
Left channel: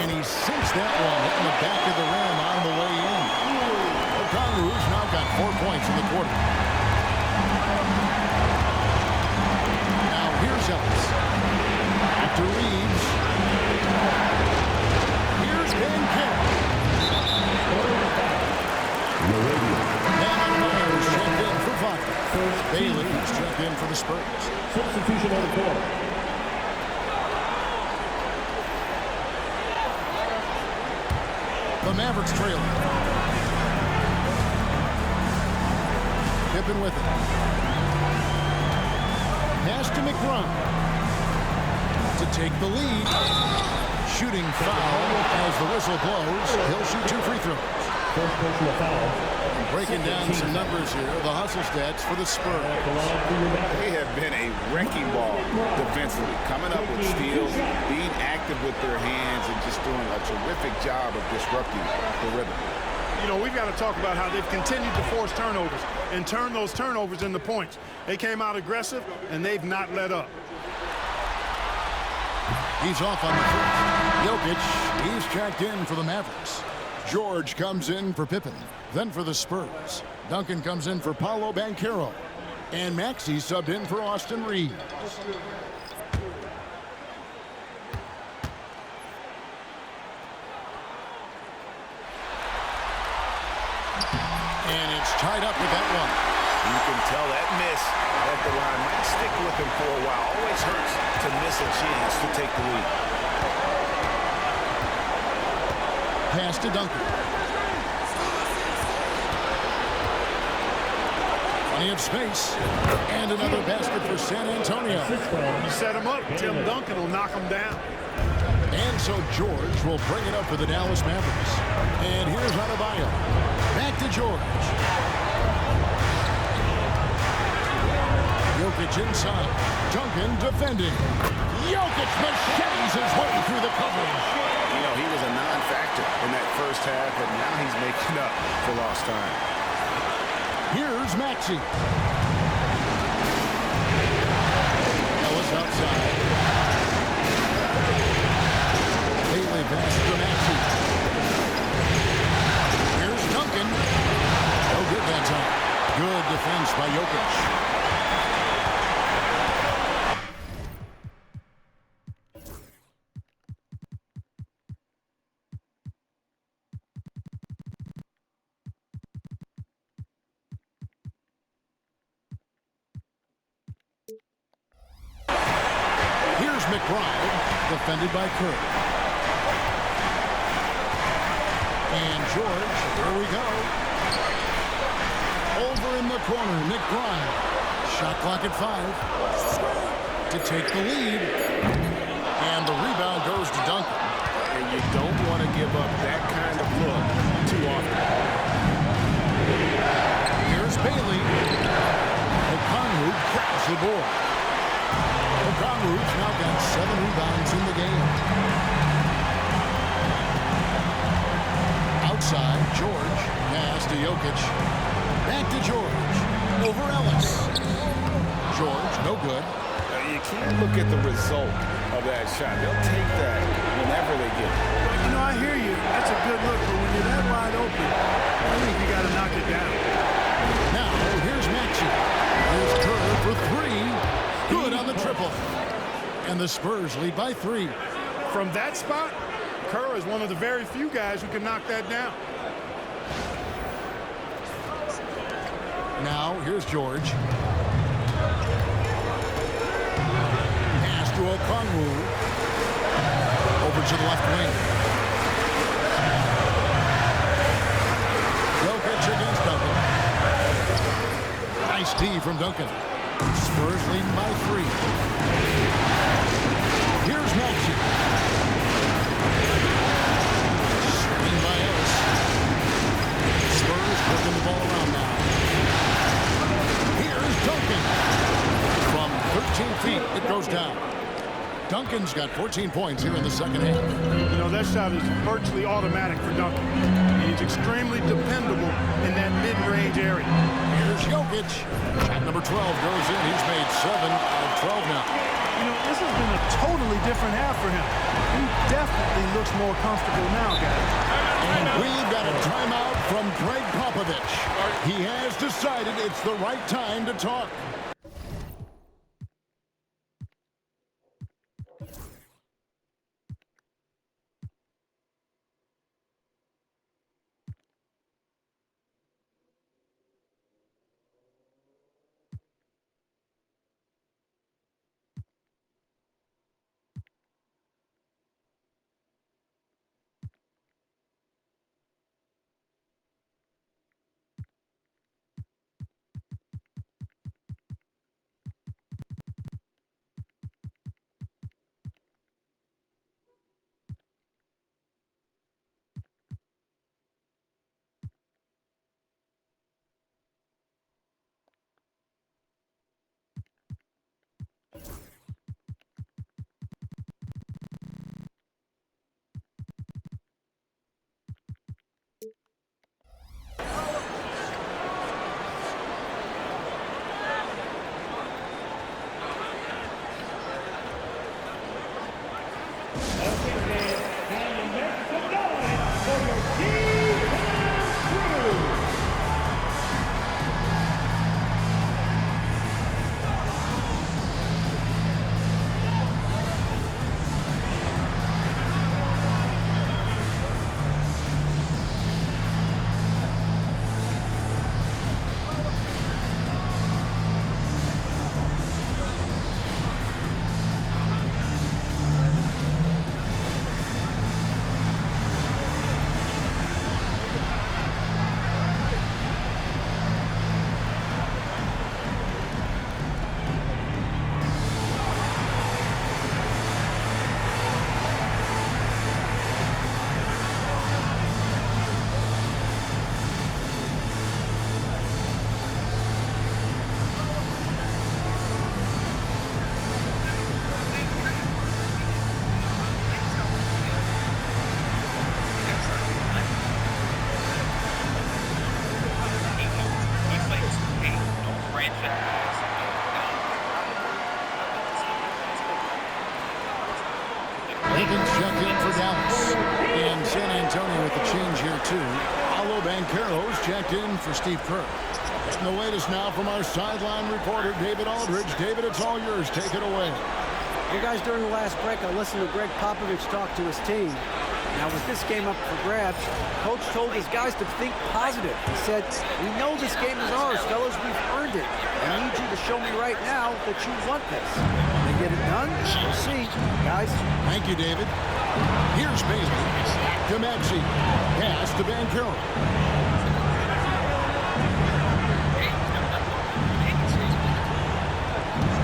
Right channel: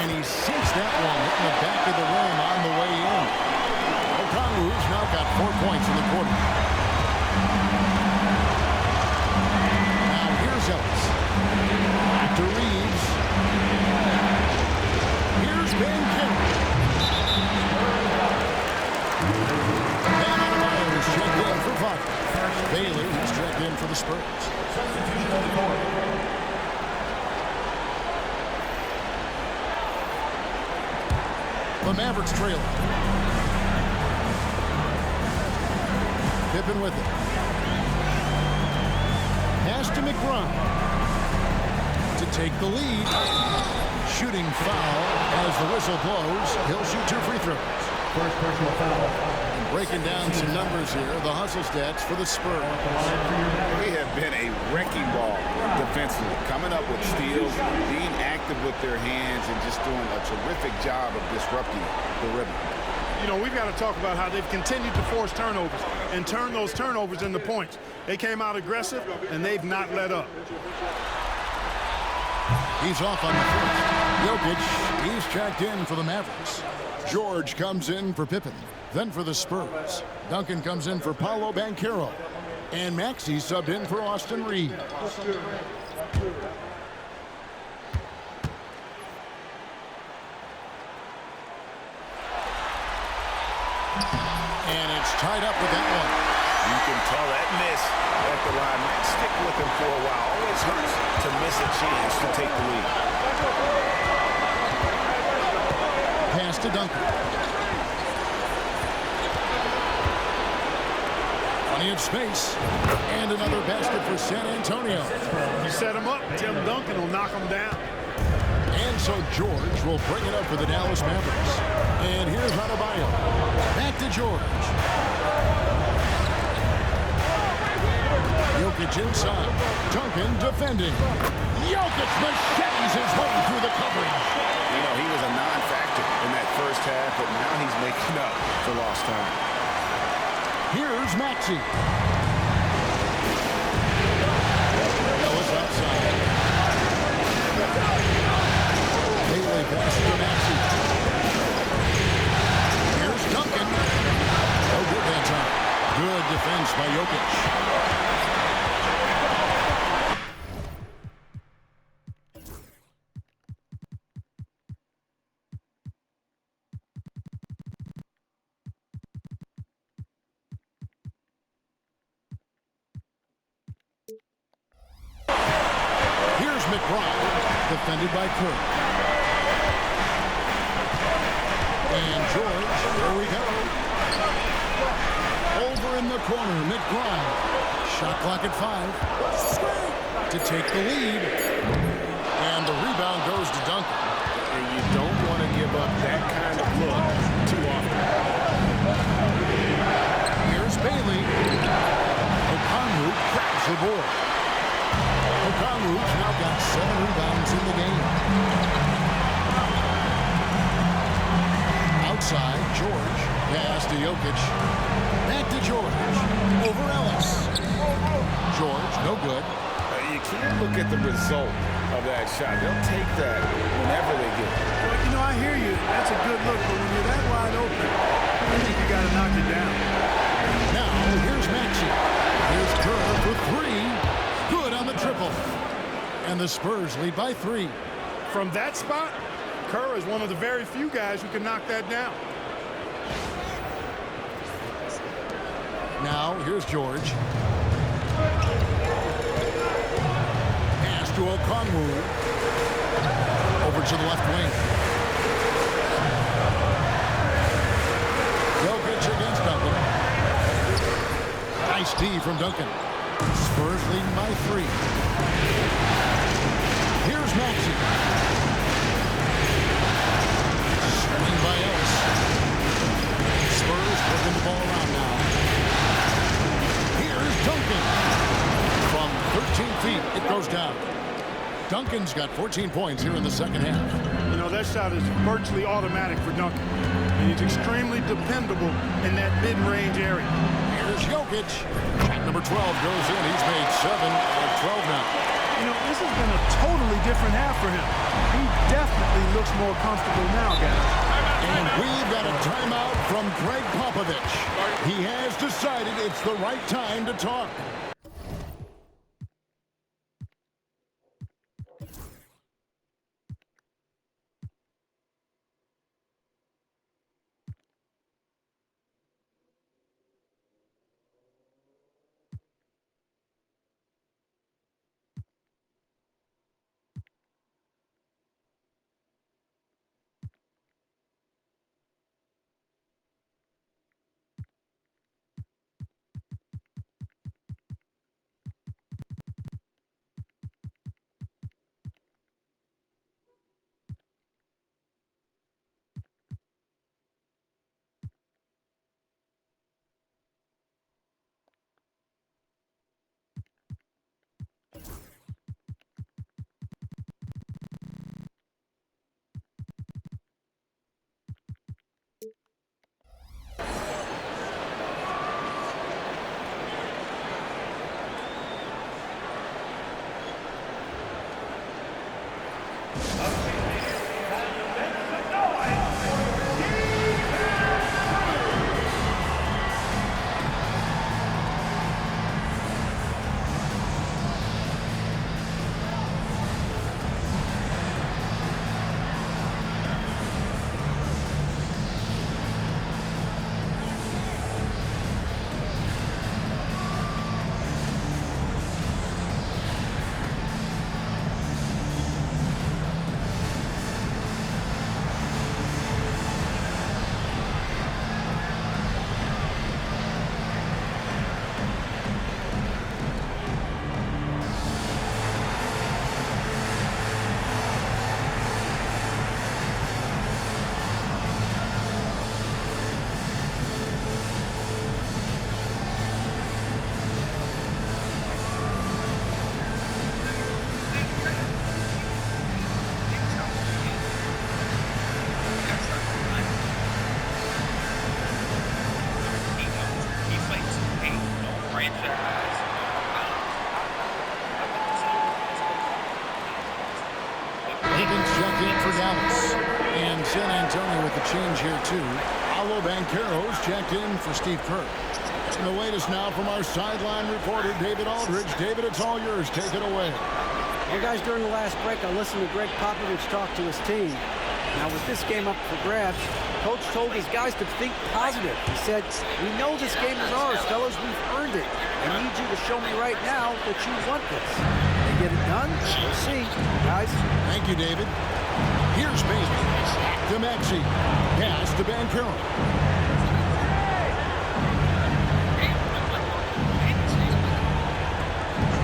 And he sinks that one, hitting the back of the rim on the way in. O'Connell's now got 4 points in the quarter. Now here's Ellis. Back to Reeves. Here's Banchero. Bam Adebayo's checked in for Wagner. Bailey's checked in for the Spurs. Substitution on the court. The Mavericks trailing. Pippen with it. Pass to McBride. To take the lead. Shooting foul as the whistle blows. He'll shoot 2 free throws. First personal foul. And breaking down some numbers here, the hustle stats for the Spurs. They have been a wrecking ball defensively, coming up with steals, being active with their hands, and just doing a terrific job of disrupting the rhythm. You know, we've got to talk about how they've continued to force turnovers and turn those turnovers into points. They came out aggressive, and they've not let up. He's off on the foot. Jokic, he's checked in for the Mavericks. George comes in for Pippen. Then for the Spurs, Duncan comes in for Paolo Banchero. And Maxey subbed in for Austin Reeves. And it's tied up with that one. You can tell that miss, that the line. Might stick with him for a while. Always hurts to miss a chance to take the lead. Pass to Duncan. Plenty of space. And another basket for San Antonio. You set him up, Tim Duncan will knock him down. And so George will bring it up for the Dallas Mavericks. And here's Adebayo. Back to George. Jokic inside. Duncan defending. Jokic machetes his way through the coverage. You know, he was a non-factor in that first half, but now he's making up for lost time. Here's Maxey. Ellis outside. Bailey pass to Maxey. Here's Duncan. No good that time. Good defense by Jokic. Here's McBride, defended by Kerr. And George, here we go. Over in the corner, McBride. Shot clock at 5. To take the lead. And the rebound goes to Duncan. And you don't want to give up that kind of look too often. Here's Bailey. Okongwu grabs the board. Okongwu's now got 7 rebounds in the game. Outside, George. Pass to Jokic. Back to George. Over Ellis. George, no good. You can't look at the result of that shot. They'll take that whenever they get it. Well, you know, I hear you. That's a good look, but when you're that wide open, I think you got to knock it down. Now, here's Maxey. Here's Kerr for 3. Good on the triple. And the Spurs lead by 3. From that spot, Kerr is one of the very few guys who can knock that down. Now, here's George. Pass to Okongwu. Over to the left wing. Jokic against Duncan. Nice D from Duncan. Spurs leading by 3. Here's Maxey. Swing by Ellis. Spurs working the ball around now. Here's Duncan. From 13 feet, it goes down. Duncan's got 14 points here in the second half. You know, that shot is virtually automatic for Duncan. And he's extremely dependable in that mid-range area. Here's Jokic. Shot number 12 goes in. He's made 7 of 12 now. You know, this has been a totally different half for him. He definitely looks more comfortable now, guys. And we've got a timeout from Greg Popovich. He has decided it's the right time to talk. checked in for Dallas. And San Antonio with the change here, too. Paolo Banchero's checked in for Steve Kerr. And the latest now from our sideline reporter, David Aldridge. David, it's all yours. Take it away. Well, guys, during the last break, I listened to Greg Popovich talk to his team. Now, with this game up for grabs, Coach told his guys to think positive. He said, we know this game is ours, fellas. We've earned it. I need you to show me right now that you want this. Can they get it done? We'll see, guys. Thank you, David. Here's Bailey. Back to Maxey. Pass to Banchero.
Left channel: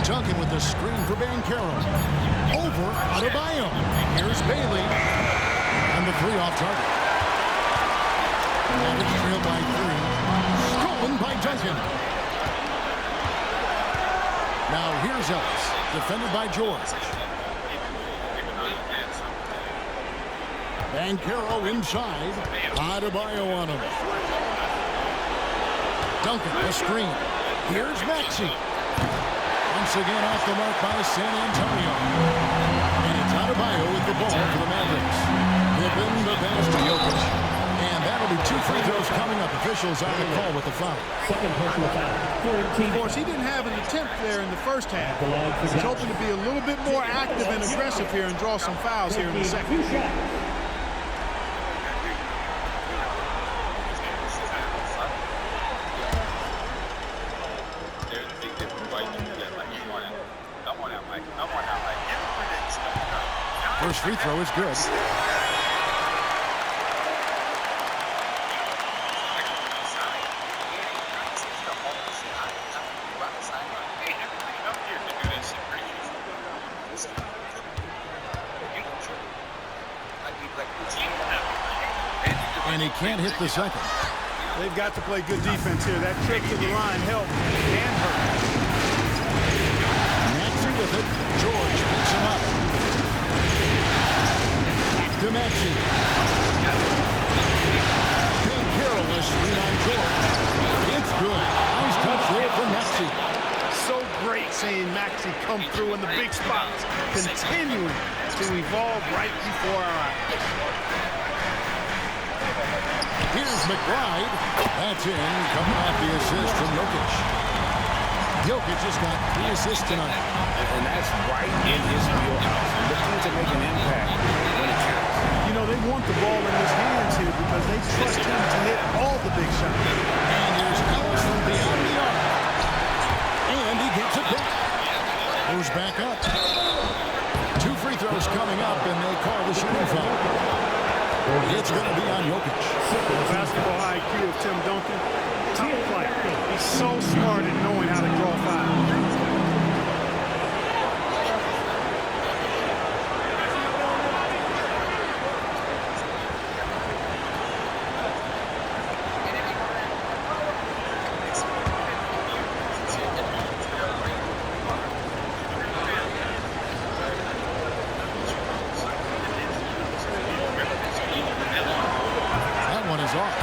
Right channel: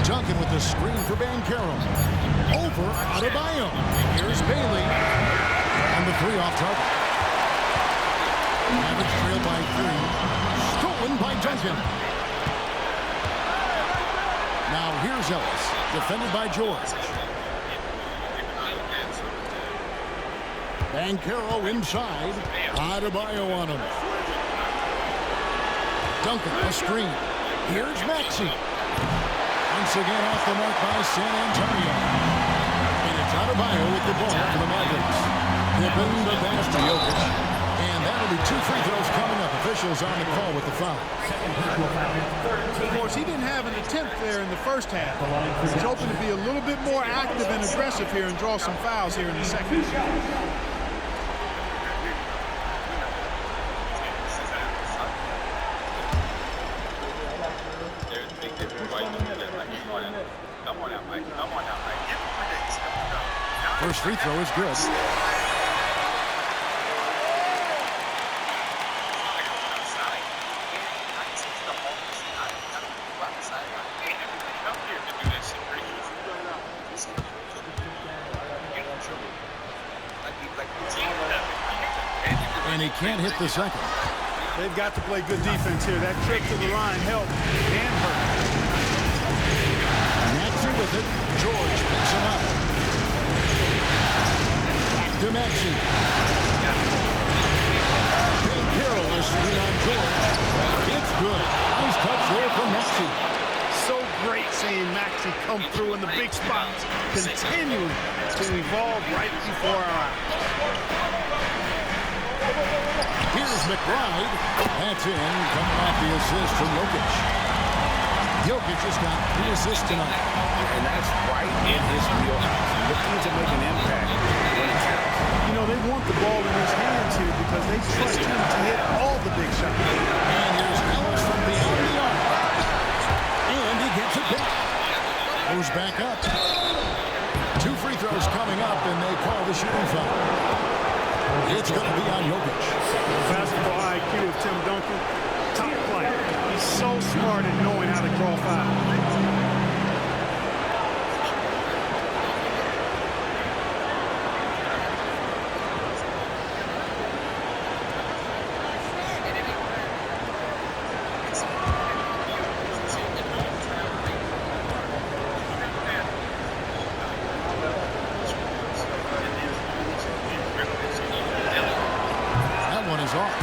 Duncan with the screen for Banchero. Over Adebayo. Here's Bailey. And the three off target. Mavericks trail by 3. Stolen by Duncan. Now here's Ellis. Defended by George. Banchero inside. Adebayo on him. Duncan, the screen. Here's Maxey. Once again off the mark by San Antonio. And it's Adebayo with the ball for the Mavericks. Pippen the pass to Jokic. And that'll be 2 free throws coming up. Officials on the call with the foul. Second personal foul. Of course, he didn't have an attempt there in the first half. He's hoping to be a little bit more active and aggressive here and draw some fouls here in the second. First free throw is good. And he can't hit the second. They've got to play good defense here. That trip to the line helped and hurt. Maxey with it. George picks him up. Back to Maxey. Banchero a screen on George. It's good. Nice touch there from Maxey. So great seeing Maxey come through in the big spots, continuing to evolve right before our eyes. Here's McBride. That's in, coming off the assist from Jokic. Jokic has got 3 assists tonight. And that's right in his wheelhouse. Looking to make an impact when it counts. You know, they want the ball in his hands here because they trust him to hit all the big shots. And here's Ellis from beyond the arc. And he gets it back. Goes back up. 2 free throws coming up, and they call the shooting foul. It's going to be on Jokic. The basketball IQ of Tim Duncan, top flight. He's so smart at knowing how to draw fouls. Is off.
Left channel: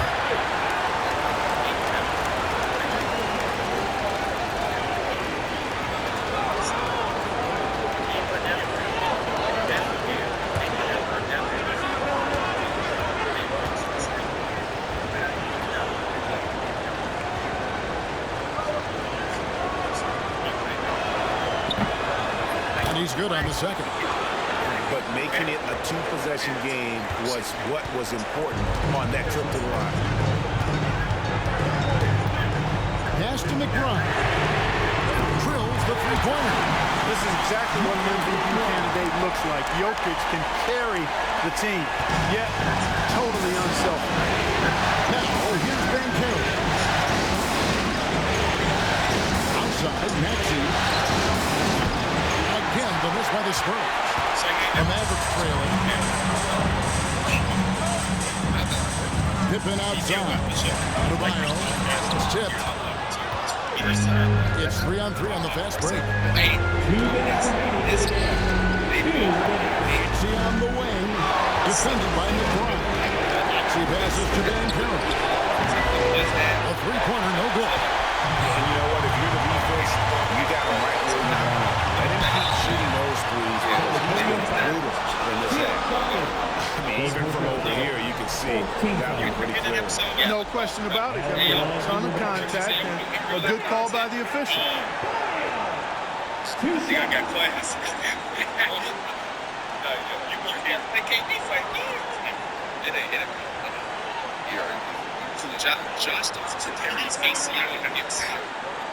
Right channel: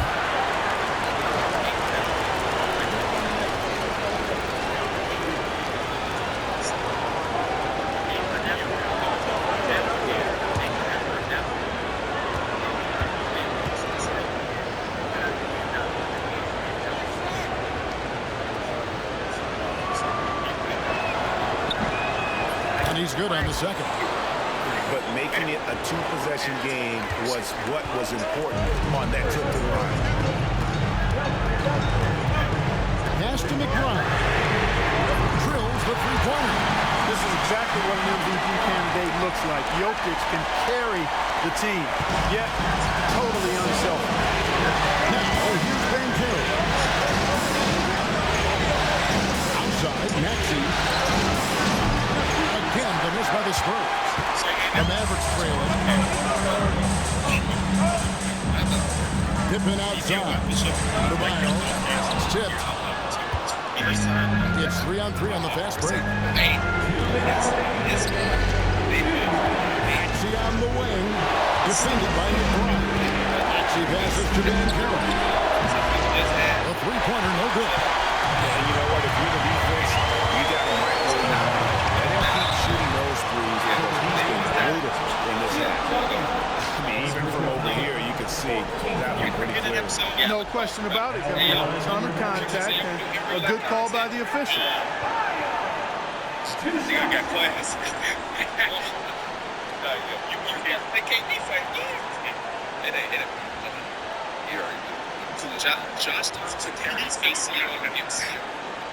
And he's good on the second. But making it a 2-possession game was what was important on that trip to the line. Pass to McBride. Drills the three-pointer. This is exactly what an MVP candidate looks like. Jokic can carry the team, yet totally unselfish. Now, here's Banchero. Outside, Maxey. Again, the miss by the Spurs. The Mavericks trailing. Pippen outside. Adebayo. It's tipped. It's 3-on-3 on the fast break. Maxey on the wing. Defended by McBride. Maxey passes to Banchero. A three-pointer, no good. And you know what? If you're the defense, you got him right where you want him. Let him keep shooting those threes because he's been brutal in this half. see that one pretty clearly. No question about it. I mean, a ton of contact and a good call by the official. I think I got class. They can't be fighting. It ain't. Josh took care of his ACL and MCL.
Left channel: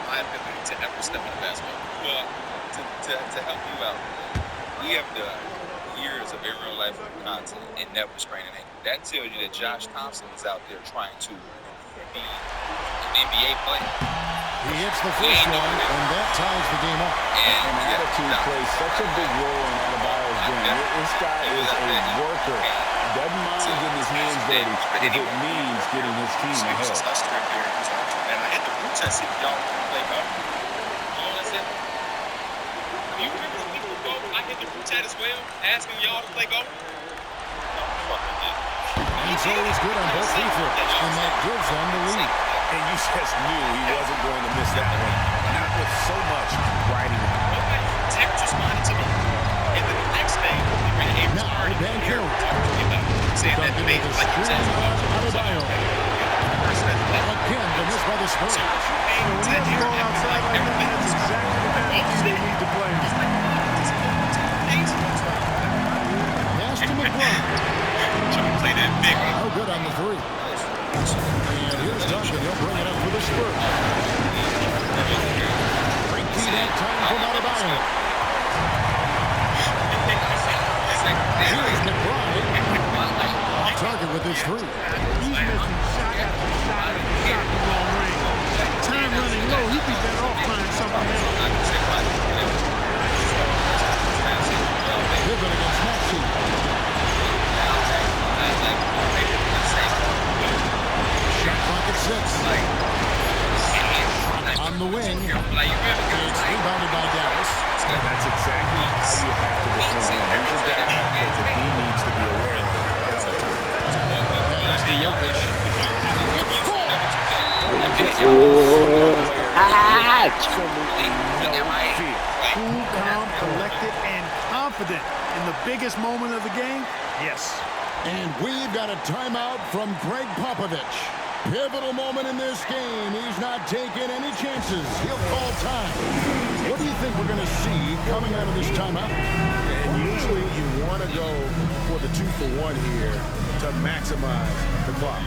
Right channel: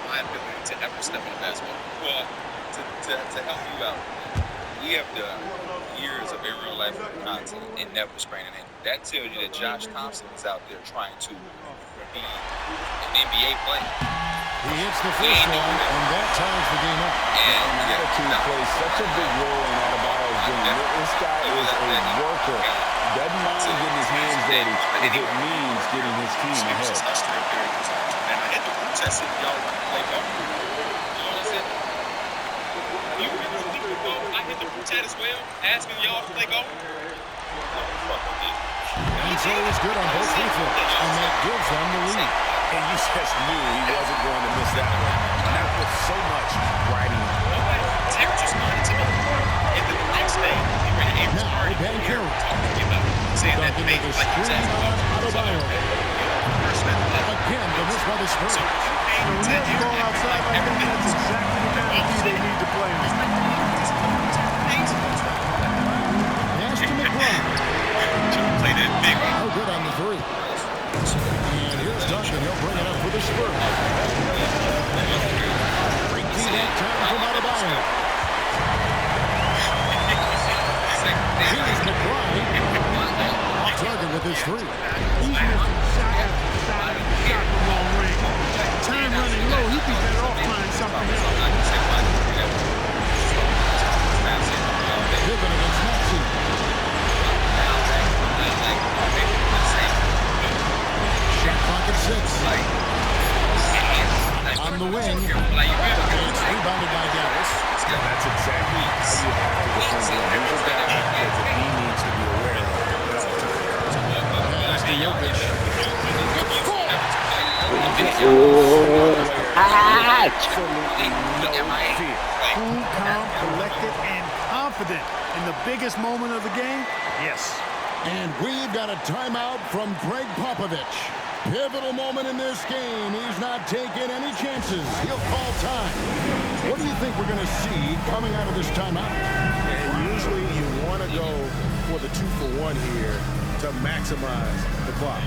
My ability to ever step on a basketball. Well, to help you out, we have the years of in real life content and never spraining it. That tells you that Josh Thompson is out there trying to be an NBA player. He hits the first one, and that ties the game up. And attitude plays such a big role in Adebayo's game. This guy is a worker. Doesn't mind getting his hands dirty if it means getting his team ahead. Man, I hit the root test if y'all want to play ball. You know what I'm saying? You remember the week ago, I hit the root test as well, asking y'all to play golf? No, fuck, I did. He's always good on both free throws, and that gives them the lead. And you just knew he wasn't going to miss that one. Not with so much riding on. Nobody, Terrence responded to me. And then the next day, we were in an Ames party. Now, Ben Carroll. Talking to me about saying that Duncan they with a like he was screen asking on about Adebayo. Again, the miss by the Spurs. So if you pay You know, when you have the ball outside like that, that's exactly the kind of D they need to play on. Pass to McBride. Play that big. No good on the three. And here's Duncan. He'll bring it up for the Spurs. Great key that time from Adebayo. Here's McBride. Off target with his three. He's missing shot after shot after shot from long range. Time running low. He'd be better off trying something else. Pippen against Maxey. Shot clock at 6. On the wing. It's rebounded by Dallas. And that's exactly how you have to defend him. He's a guy that the D needs to be aware of at all times. Pass to Jokic. Absolutely no fear. Cool, calm, collected, and confident in the biggest moment of the game? Yes. And we've got a timeout from Greg Popovich. Pivotal moment in this game. He's not taking any chances. He'll call time. What do you think we're going to see coming out of this timeout? And usually you want to go for the 2-for-1 here to maximize the clock.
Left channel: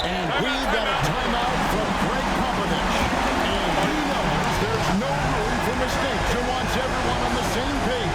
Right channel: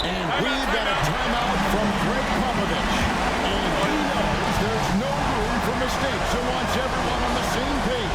And we've got a timeout from Greg Popovich. And he knows there's no room for mistakes and wants everyone on the same page.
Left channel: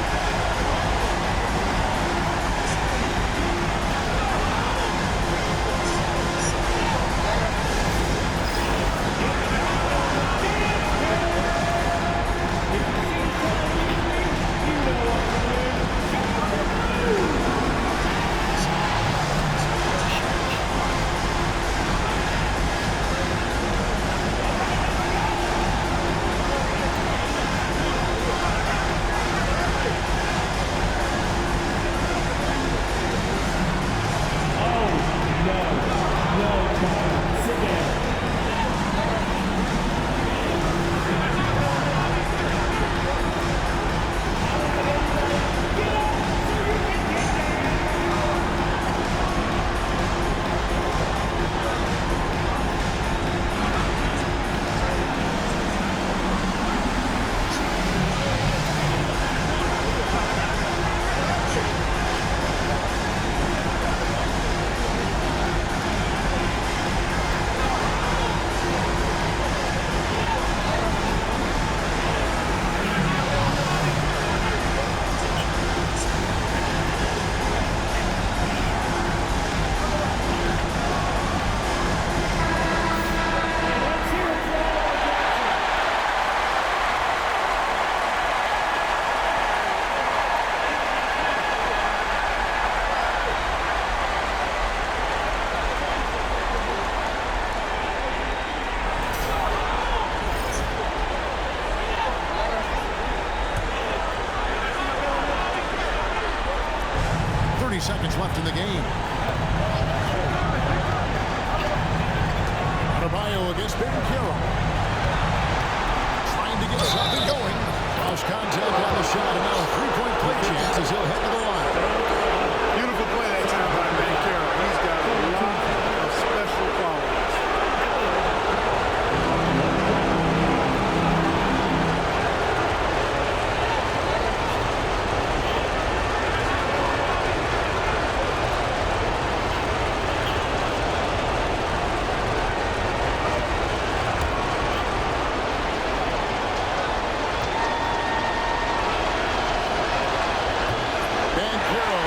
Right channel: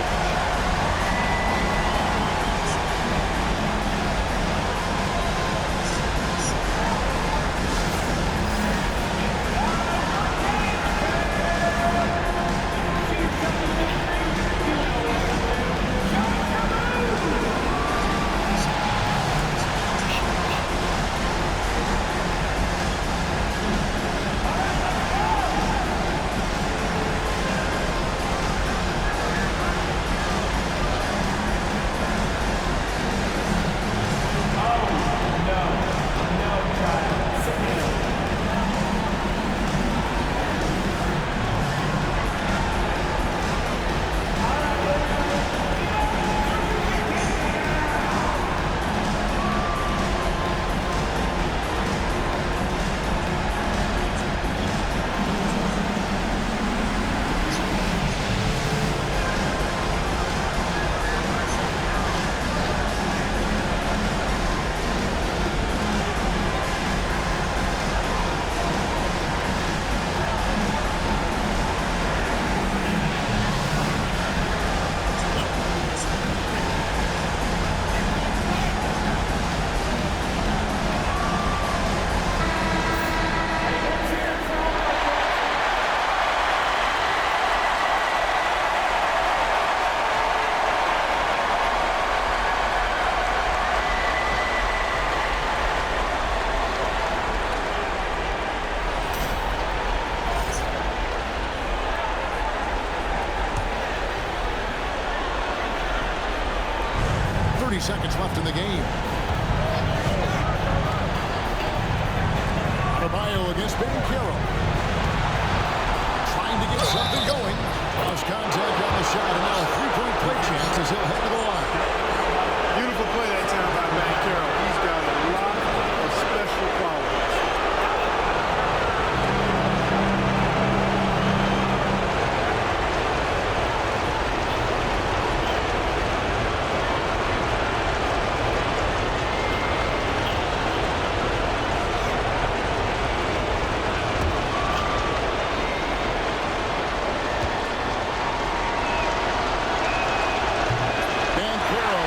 30 seconds left in the game. Adebayo against Banchero. Trying to get something going. Lost contact on the shot, and now a three-point play chance as he'll head to the line. Beautiful play that time by Banchero. He's got a lot of special qualities.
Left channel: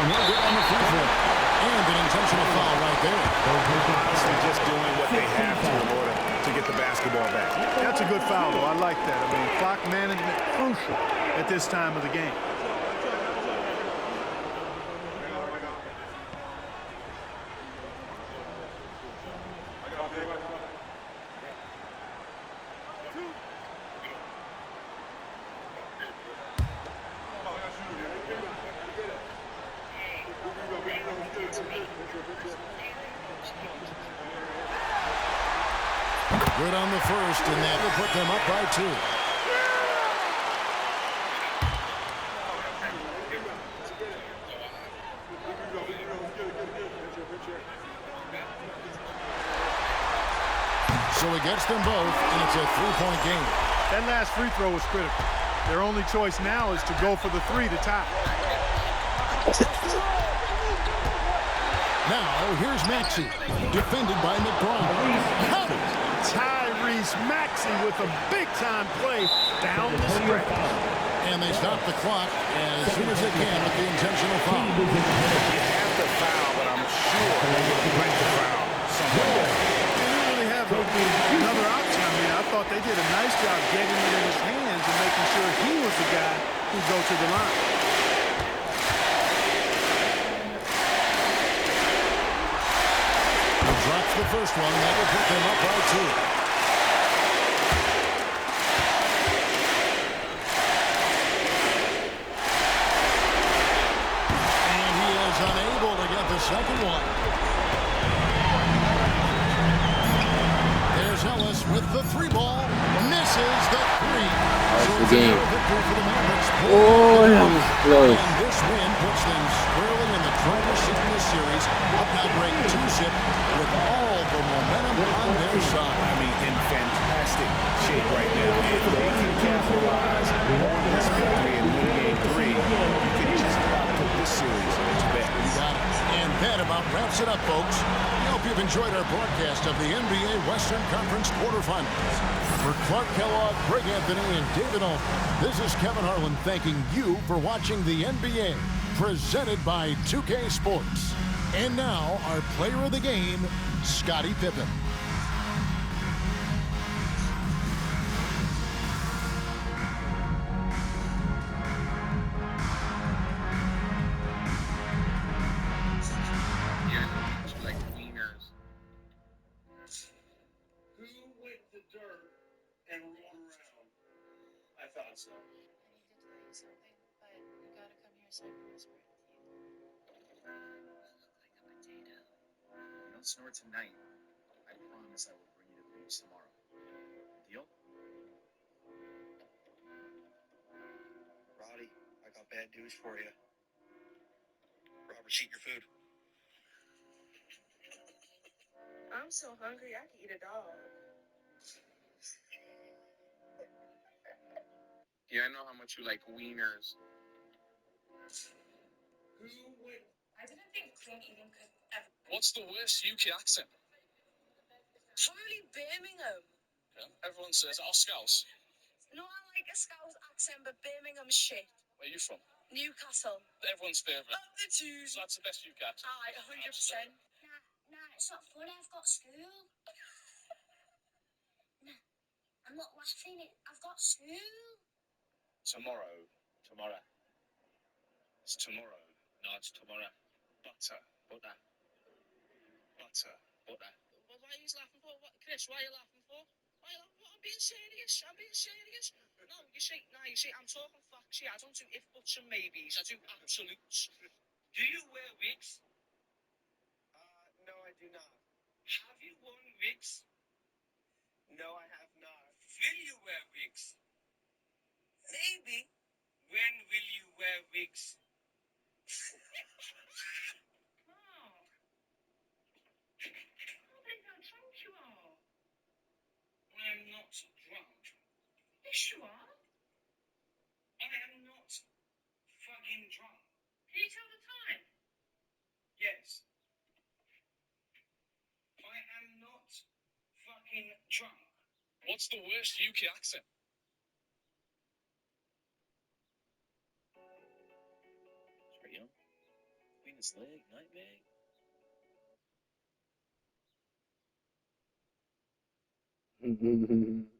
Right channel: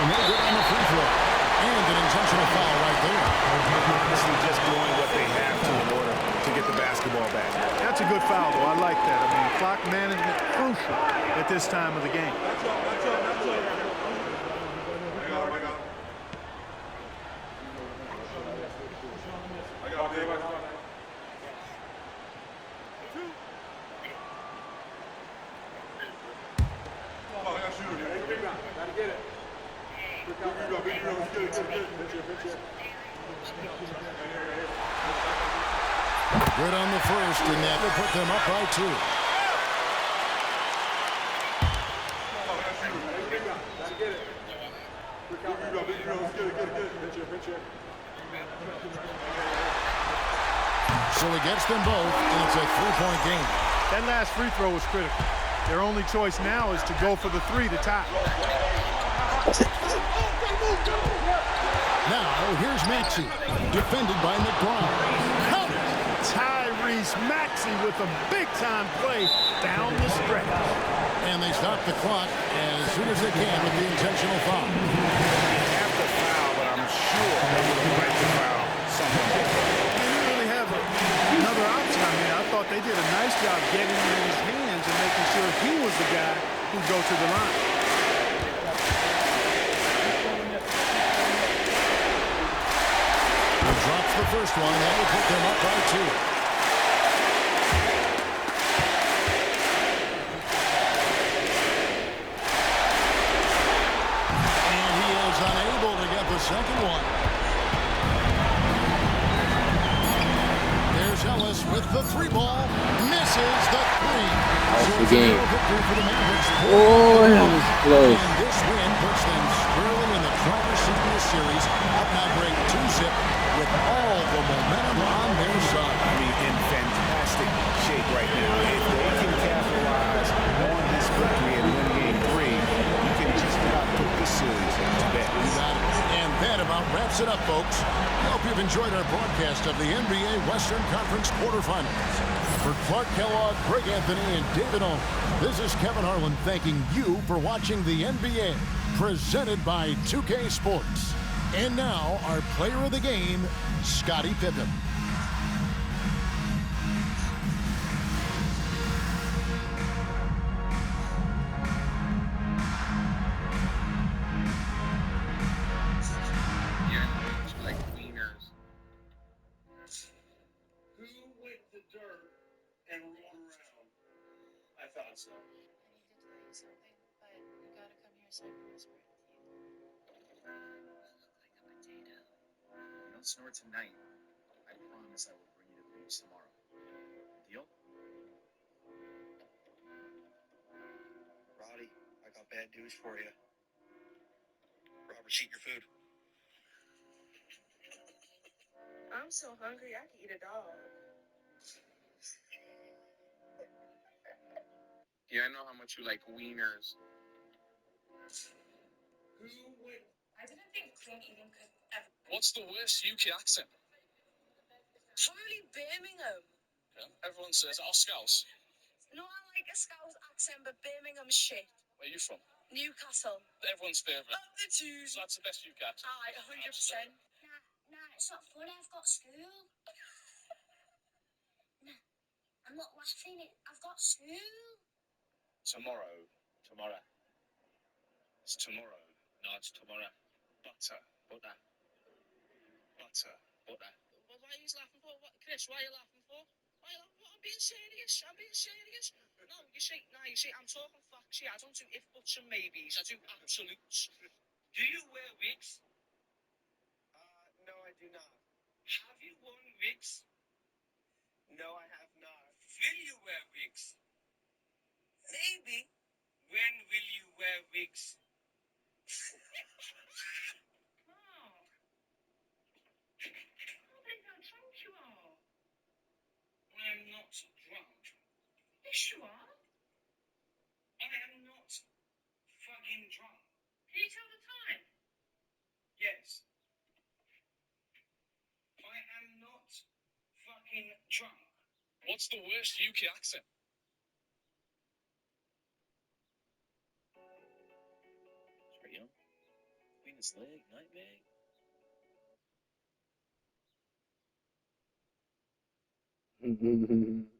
No good on the free throw. And an intentional foul right there. Honestly, just doing what they have to in order to get the basketball back. That's a good foul, though. I like that. I mean, clock management crucial at this time of the game. Good on the first, and that will put them up by 2. So he gets them both, and it's a three-point game. That last free throw was critical. Their only choice now is to go for the 3 to tie. Now, here's Maxey, defended by McBride. Count it! Tyrese Maxey with a big-time play down the stretch. And they stop the clock as soon as they can with the intentional foul. You have to foul, but I'm sure they would have liked to foul someone there. They didn't really have another option. I mean, I thought they did a nice job getting it in his hands and making sure he was the guy who'd go to the line. Drops the first one, and that will put them up by 2. And he is unable to get the second one. There's Ellis with the 3-ball. Misses the 3. So it's a narrow victory for the Mavericks. Oh, that was close. And this win puts them squarely in the driver's seat in this series. Up now, break 2-zip with all the momentum on their side. I mean, in fantastic shape right now. If they can capitalize on this victory and win game 3, you can just about put this series to bed. You got it. And that about wraps it up, folks. We hope you've enjoyed our broadcast of the NBA Western Conference quarterfinals. For Clark Kellogg, Greg Anthony, and David Olin, this is Kevin Harlan thanking you for watching the NBA, presented by 2K Sports. And now, our player of the game, Scottie Pippen. Yeah, like wieners. Who with the dirt and roll around? I thought so. I need to tell you something, but you gotta come here so I can whisper it with you. Don't snore tonight. I promise I will bring you to the beach tomorrow. Deal? Roddy, I got bad news for you. Robert's eating your food. I'm so hungry I could eat a dog. Yeah, I know how much you like wieners. I didn't think clean eating could ever. What's the worst UK accent? Probably Birmingham. Yeah, everyone says, oh, Scouse. No, I like a Scouse accent, but Birmingham's shit. Where are you from? Newcastle. Everyone's favourite. Up the twos. So that's the best UK accent. Aye, 100%. Nah, it's not funny. I've got school. Nah, I'm not laughing. I've got school. Tomorrow. It's tomorrow. No, it's tomorrow. Butter. Well, why are you laughing for? Chris, why are you laughing for? I'm being serious. No, you see, I'm talking facts here. I don't do if, buts, and maybes. I do absolutes. Do you wear wigs? No, I do not. Have you worn wigs? No, I have not. Will you wear wigs? Maybe. When will you wear wigs? Mark. I think how drunk you are. I am not drunk. Yes, you are. I am not fucking drunk. Can you tell the time? Yes. I am not fucking drunk. What's the worst UK accent? Straight young. Venus leg, nightmare. Mhm.